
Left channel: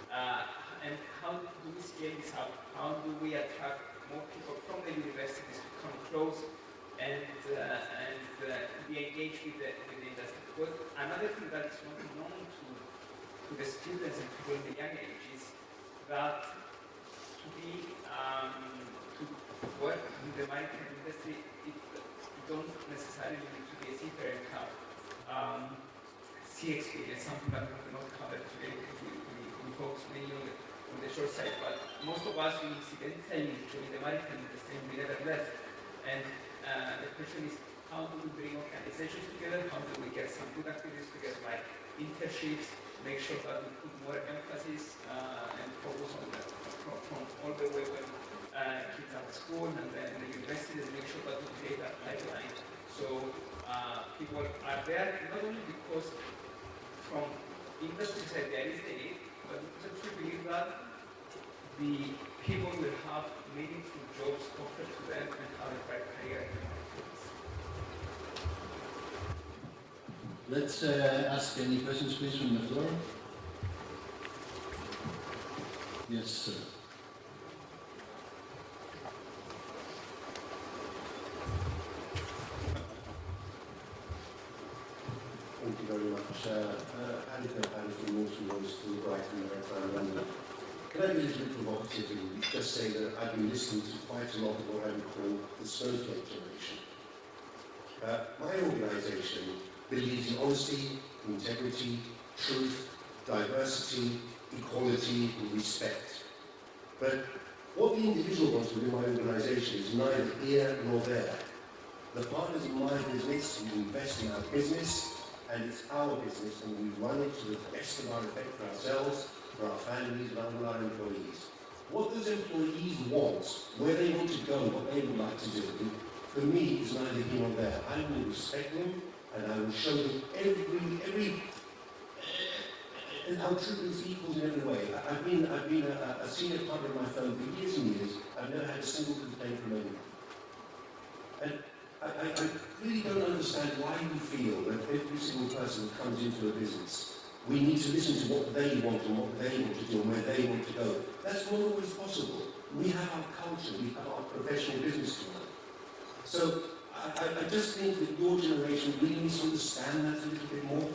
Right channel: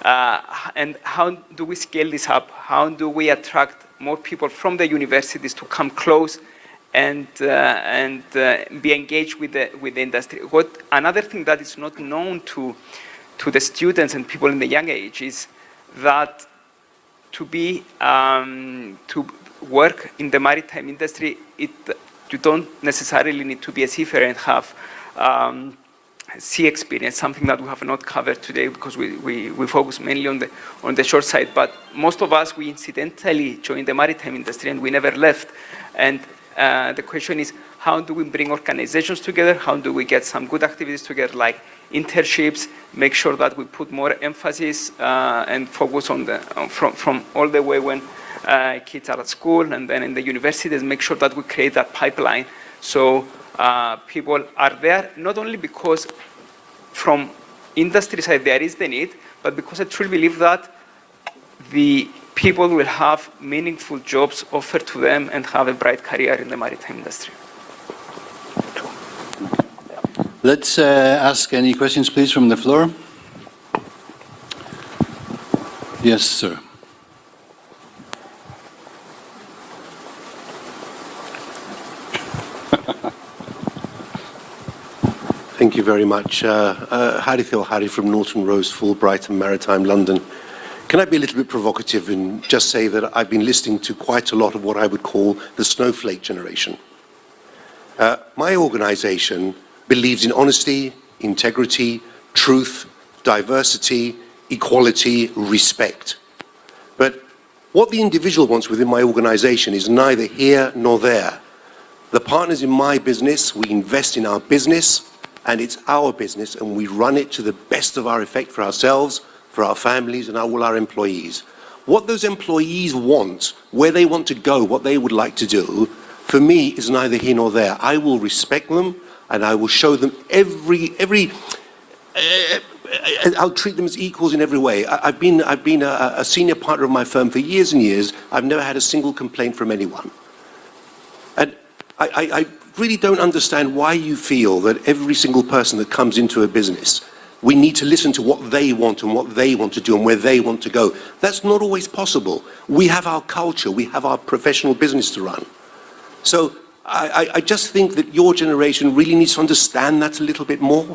And how do we scale this up? How do we attract more people from the universities to come close and be engaged with the industry? Another thing that is not known to the students and people in the young age is that to work in the maritime industry, you don't necessarily need to be a seafarer and have sea experience, something that we have not covered today because we focus mainly on the short side. But most of us, we incidentally joined the maritime industry and we never left. And the question is, how do we bring organizations together? How do we get some good activities together, like internships, make sure that we put more emphasis and focus on from all the way when kids are at school and then in the universities, make sure that we create that pipeline. So people are there, not only because from industry side there is the need, but because I truly believe that the people will have meaningful jobs offered to them and have a bright career in the maritime industry. Let's ask any questions, please, from the floor. Yes, sir. Thank you very much. Harry from Norton Rose, Fulbright and Maritime, London. Can I be a little bit provocative and just say that I've been listening to quite a lot of what I would call the snowflake generation. My organization believes in honesty, integrity, truth, diversity, equality, respect. But what the individual wants within my organization is neither here nor there. The partners in my business, we invest in our business, and it's our business, and we run it to the best of our effect for ourselves, for our families, and all our employees. What those employees want, where they want to go, what they would like to do, for me, is neither here nor there. I will respect them, and I will show them I'll treat them as equals in every way. I've been a senior partner of my firm for years and years. I've never had a single complaint from anyone. And I really don't understand why you feel that every single person that comes into a business, we need to listen to what they want and what they want to do and where they want to go. That's not always possible. We have our culture, we have our professional business to run. So I just think that your generation really needs to understand that a little bit more.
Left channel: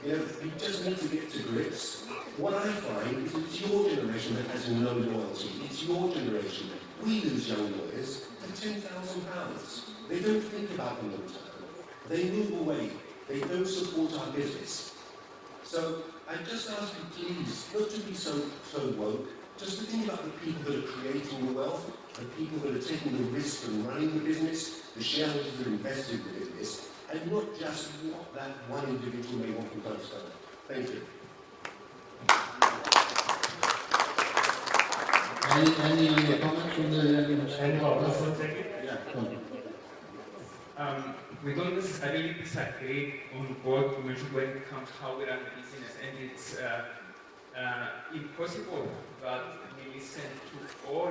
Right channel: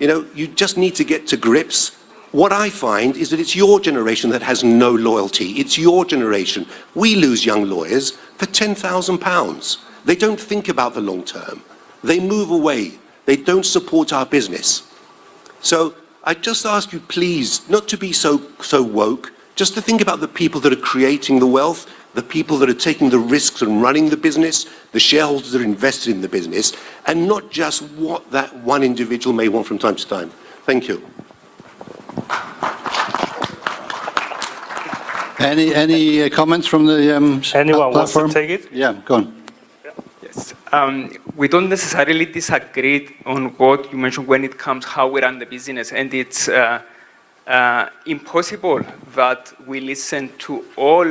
You just need to get to grips. What I find is that it's your generation that has no loyalty. It's your generation. We lose young lawyers for £10,000. They don't think about the long term. They move away. They don't support our business. So I just ask you, please, not to be so woke, just to think about the people that are creating the wealth, the people that are taking the risks and running the business, the shareholders that are invested in the business, and not just what that one individual may want from time to time. Thank you. Any comments from the Anyone wants to platform? take it? Yeah, go on. Yes. We don't necessarily disagree on what you mentioned when it comes how we run the business, and it's impossible that we listen to all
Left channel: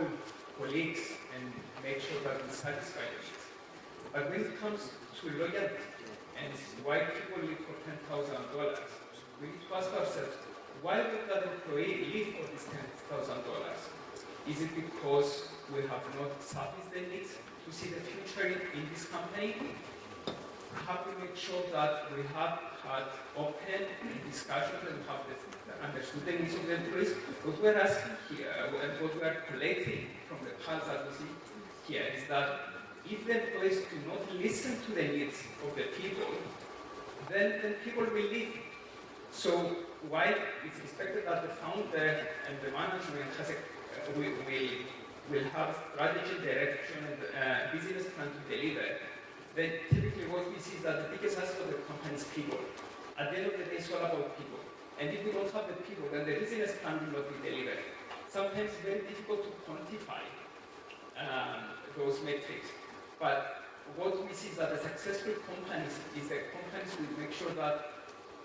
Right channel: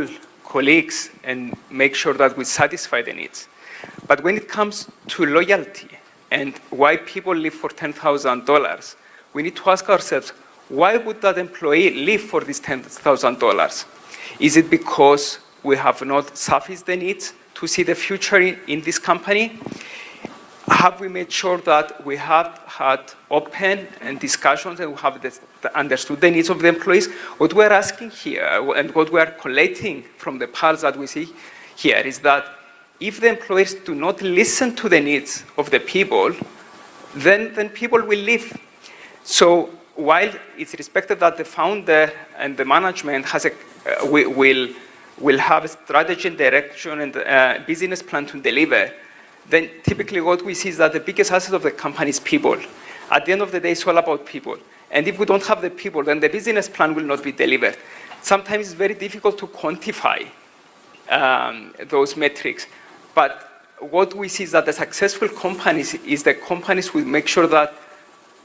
colleagues and make sure that we satisfy the needs. But when it comes to loyalty and why people live for $10,000, we need to ask ourselves, why would that employee live for this $10,000? Is it because we have not sufficed the needs to see the future in this company? Have we made sure that we have had open and discussions and we have understood the needs of the employees? What we're asking here and what we are collating from the parts that we see here is that if the employees do not listen to the needs of the people, then people will leave. So while it's respected that the founder and the management has will have a strategy and direction and a business plan to deliver, then typically what we see is that the biggest asset of the company is people. At the end of the day, it's all about people. And if we don't have the people, then the business plan will not be delivered. Sometimes it's very difficult to quantify those metrics. But what we see is that the successful companies is the companies who make sure that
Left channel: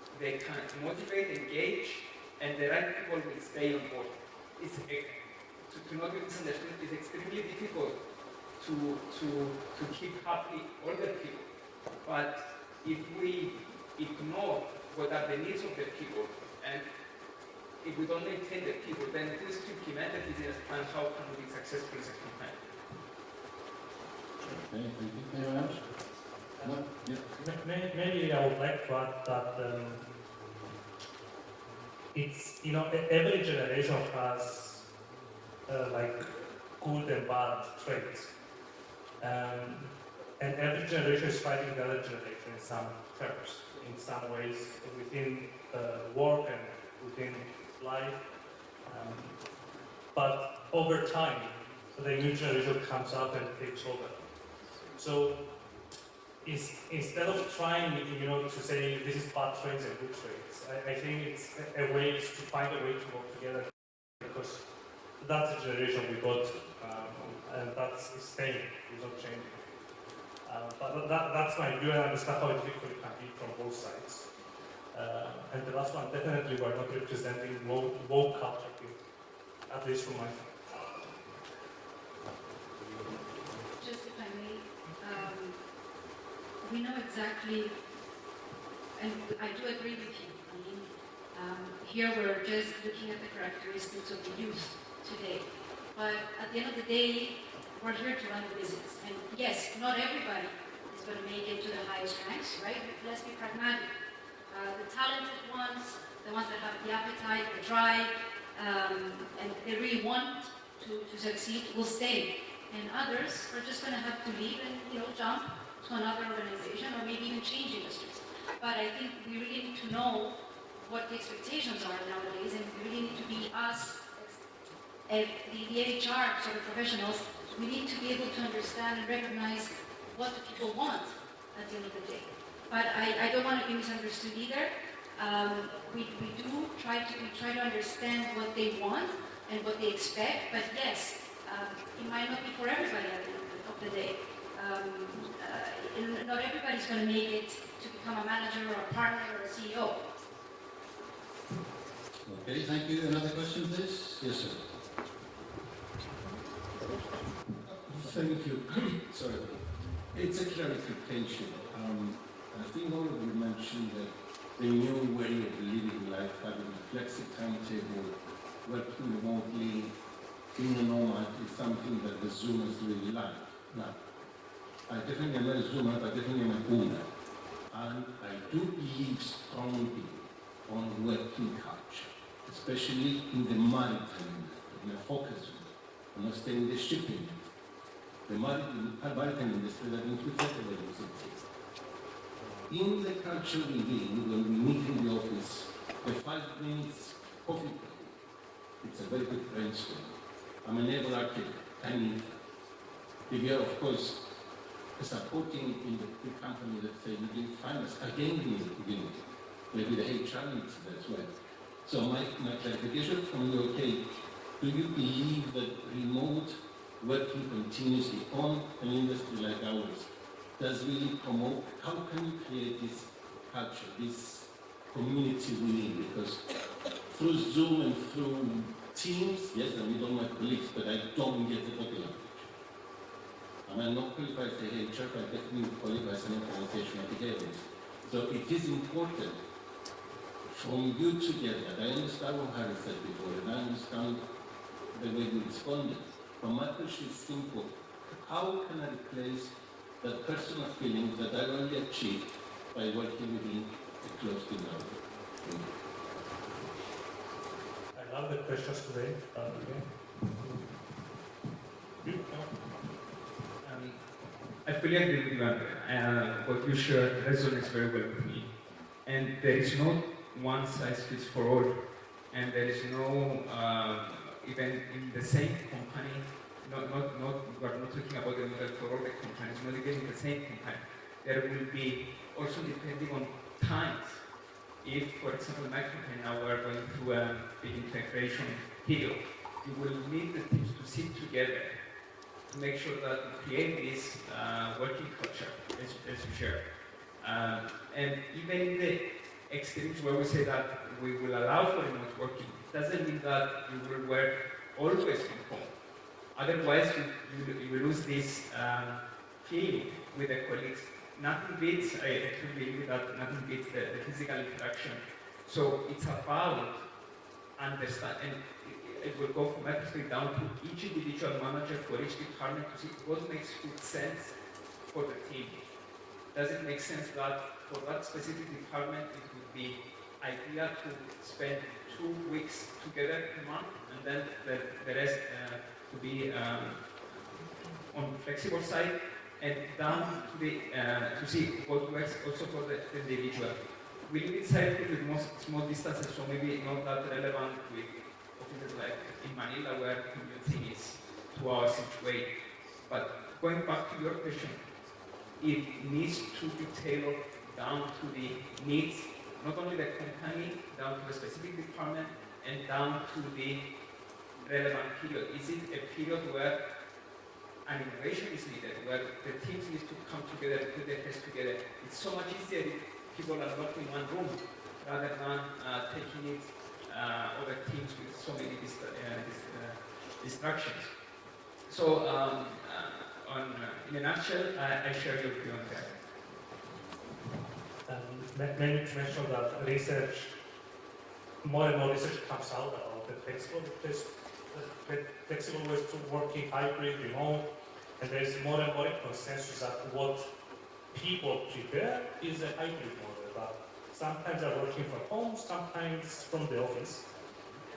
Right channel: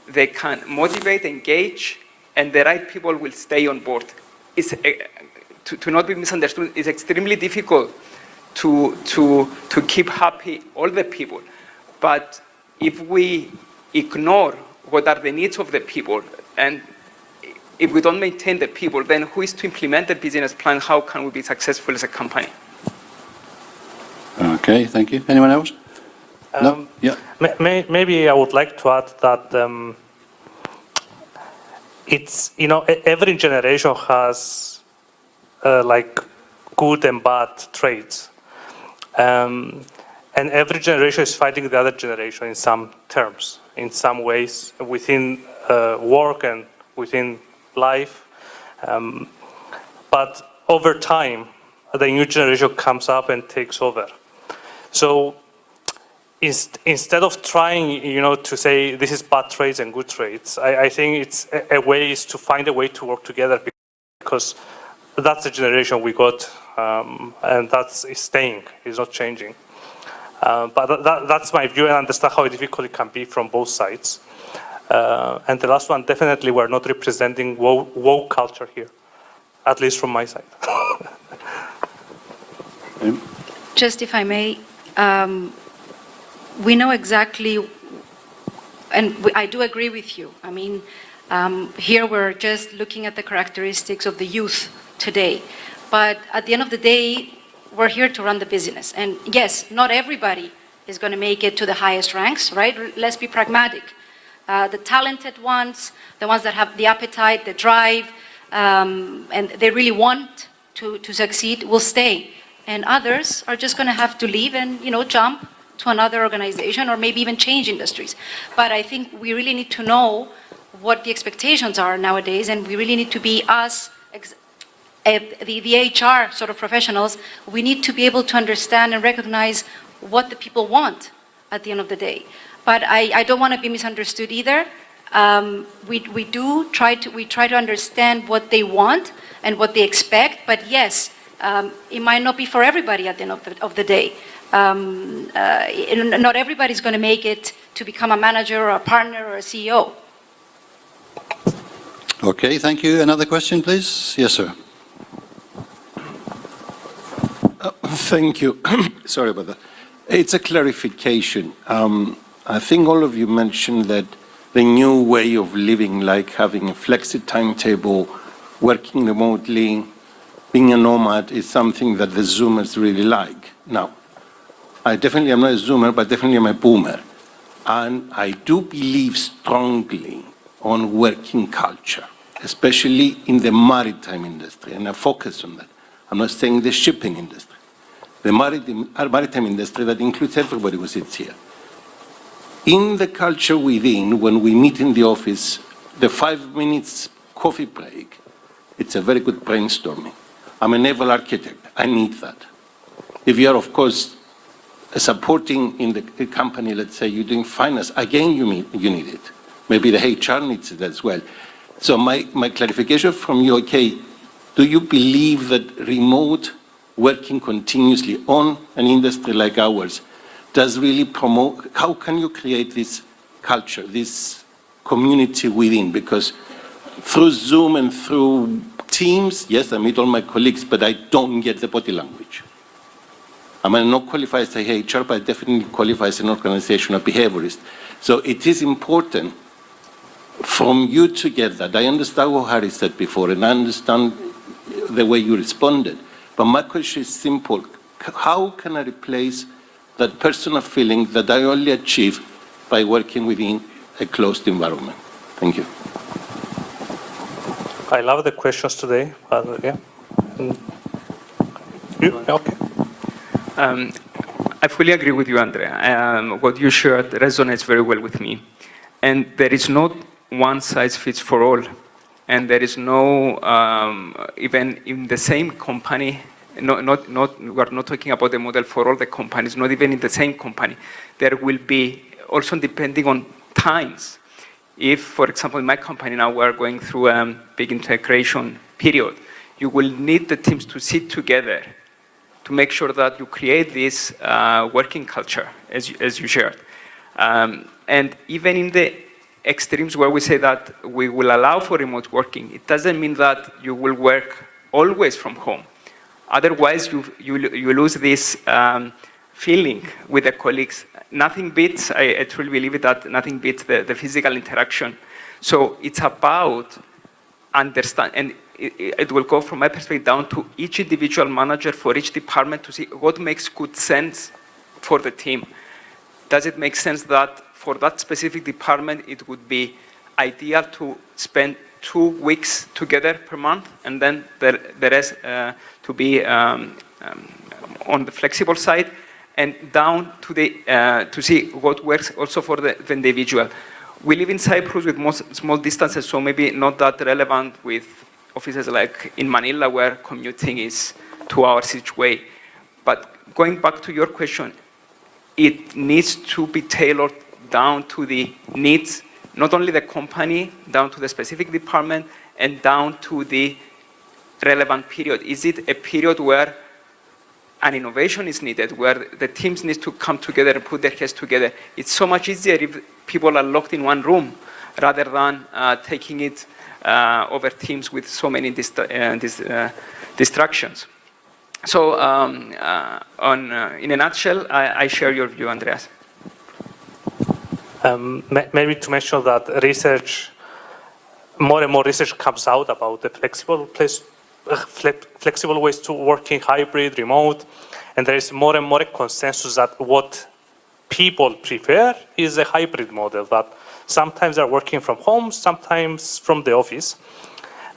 they can motivate, engage, and the right people will stay on board. It's, to not be misunderstood, it's extremely difficult to keep happy all the people. But if we ignore what are the needs of the people, and if we don't maintain the people, then who is to implement the business plan? How can we be successful as a company? Okay, thank you. Anyone else? No? Yeah. Maybe I would like to add that it's, every generation has like good and bad traits. And every generation is fighting the other generation in some terms, in some ways, within work and within life. But over time, the new generation comes up and takes over. So instead of trying, to say this is bad traits and good traits, I think it's a way is to find a way to work together, because that's the generation we got, and that's staying, it's not changing. But that's my view, and I understand how difficult it can be from both sides. And the last one, definitely we're not representing woke culture here, at least from my side. Just if I may, we know exactly, and I do agree with you. I mean, here we're just looking at the characteristics of the youth today. But at the end of the day, we're here to run the business. And yes, not everybody is going to make it to the highest ranks, right? Let's be pragmatic. The talented ones, the ones that have the appetite, the drive, and they really want to succeed will stay. And others are just going to have to leave and, jump to another organization or maybe even change industries. But I think we really need to know what the expectations are nowadays, and we really need to be the HR sort of professionals. We need to be able to understand and recognize what the people want at the end of the day. But I don't want to be misunderstood either. We try to understand what they want and what they expect, but yes, it might not be for everybody at the end of the day. Not everybody's going to make it to become a manager or a partner or a CEO. Okay, thank you. Another question, please? Yes, sir. Thank you. Sorry about that. It's a clarification. I think all of you mentioned that the new way of living, like having a flexi timetable, working remotely, being a nomad, is something that the Zoomers really like. Now, I definitely am not a Zoomer, but definitely am a Boomer. And I do believe strongly on working culture, especially in the maritime industry, and I focus on that. I'm not saying the shipping industry. The maritime industry that includes everybody who sits here. In the culture within, when we meet in the office, the 5 minutes coffee break, it's a very good brainstorming. I'm a naval architect, I need that. If you are, of course, supporting in the company, let's say you're doing finance, again you need it. Maybe the HR needs it as well. So my clarification from you, okay, do you believe that remote working continuously on an industry like ours does really promote, how can you create this culture, this community within? Because through Zoom and through Teams, yes, I meet all my colleagues, but I don't get the body language. I may not qualify as a HR, but I definitely qualify as an organizational behaviorist. So it is important from you to get that. I understand what Harry said before, and I understand the way you responded. But my question is simple. How can I replace that personal feeling that I only achieve by working within a closed environment? Thank you. I love the questions today. Yeah. You? Okay. I fully agree with you, Andrea. What you shared resonates very well with me. And there is not one size fits for all. And there is no, even in the same company, we're not talking about the model for all the companies, not even in the same company. There will be, also depending on times. If, for example, in my company now we're going through a big integration period, you will need the teams to sit together to make sure that you create this working culture, as you shared. And even in the extremes where we say that we will allow for remote working, it doesn't mean that you will work always from home. Otherwise, you lose this feeling with the colleagues. Nothing beats, I truly believe it, that nothing beats the physical interaction. So it's about understand, and it will go from my perspective down to each individual manager for each department to see what makes good sense for the team. Does it make sense that for that specific department, it would be ideal to spend 2 weeks together per month, and then the rest to be on the flexible side, and down to the to see what works also for the individual. We live in Cyprus with small distances, so maybe not that relevant with offices like in Manila, where commuting is 2 hours each way. But going back to your question, it needs to be tailored down to the needs, not only the company, down to the specific department, and down to the relevant period. Is it a period where an innovation is needed, where the teams need to come together and put their heads together? It's so much easier if people are locked in one room rather than taking it over Teams with so many distractions. So in a nutshell, I share your view, Andreas. Maybe to mention that research, more and more research comes out about the flexible ways to working, hybrid, remote, and there is more and more a consensus that what people prefer is a hybrid model, that sometimes they're working from home, sometimes from the office.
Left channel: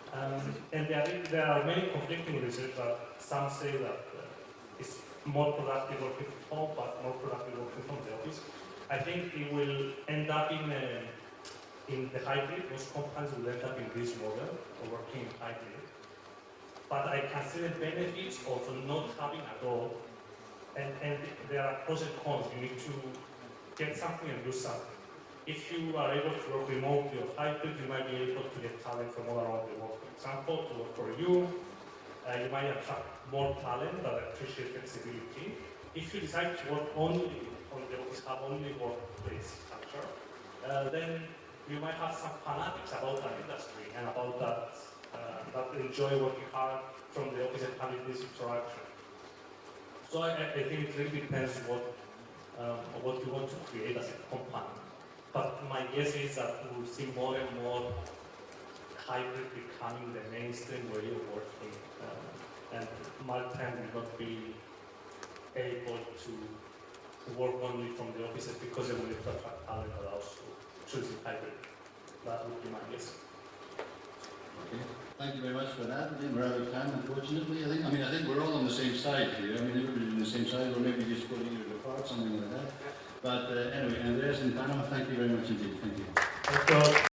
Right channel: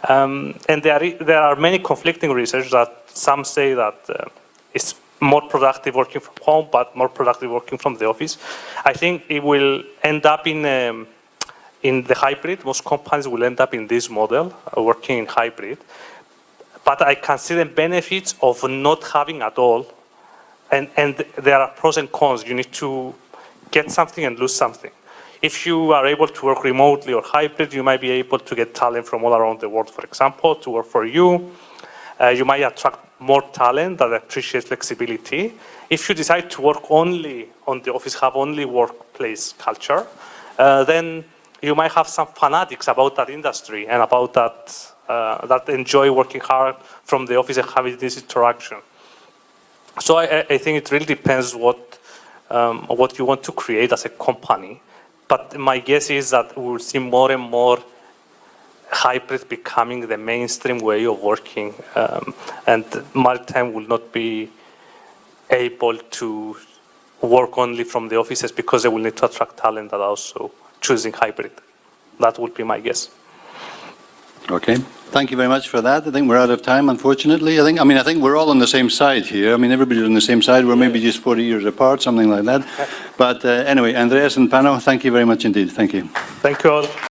And there are many conflicting research that some say that it's more productive working from home, but more productive working from the office. I think it will end up in the hybrid. Most companies will end up in this model, working in hybrid. But I can see the benefits of not having at all. And there are pros and cons. You need to get something and lose something. If you are able to work remotely or hybrid, you might be able to get talent from all around the world, for example, to work for you. You might attract more talent that appreciates flexibility. If you decide to work only on the office, have only workplace culture, then you might have some fanatics about that industry and about that enjoy working hard from the office and having this interaction. So I think it really depends what you want to create as a company. But my guess is that we will see more and more hybrid becoming the mainstream way of working, and Maritime will not be able to work only from the offices because they will need to attract talent that are also choosing hybrid. That would be my guess. Okay. Thank you very much for that. I think we're out of time, unfortunately. I think we're all on the same side here. I mean, everybody's on the same side. We're maybe just 40 years apart, something like that. But anyway, Andreas and Pano, thank you very much indeed. Thank you. Thank you all.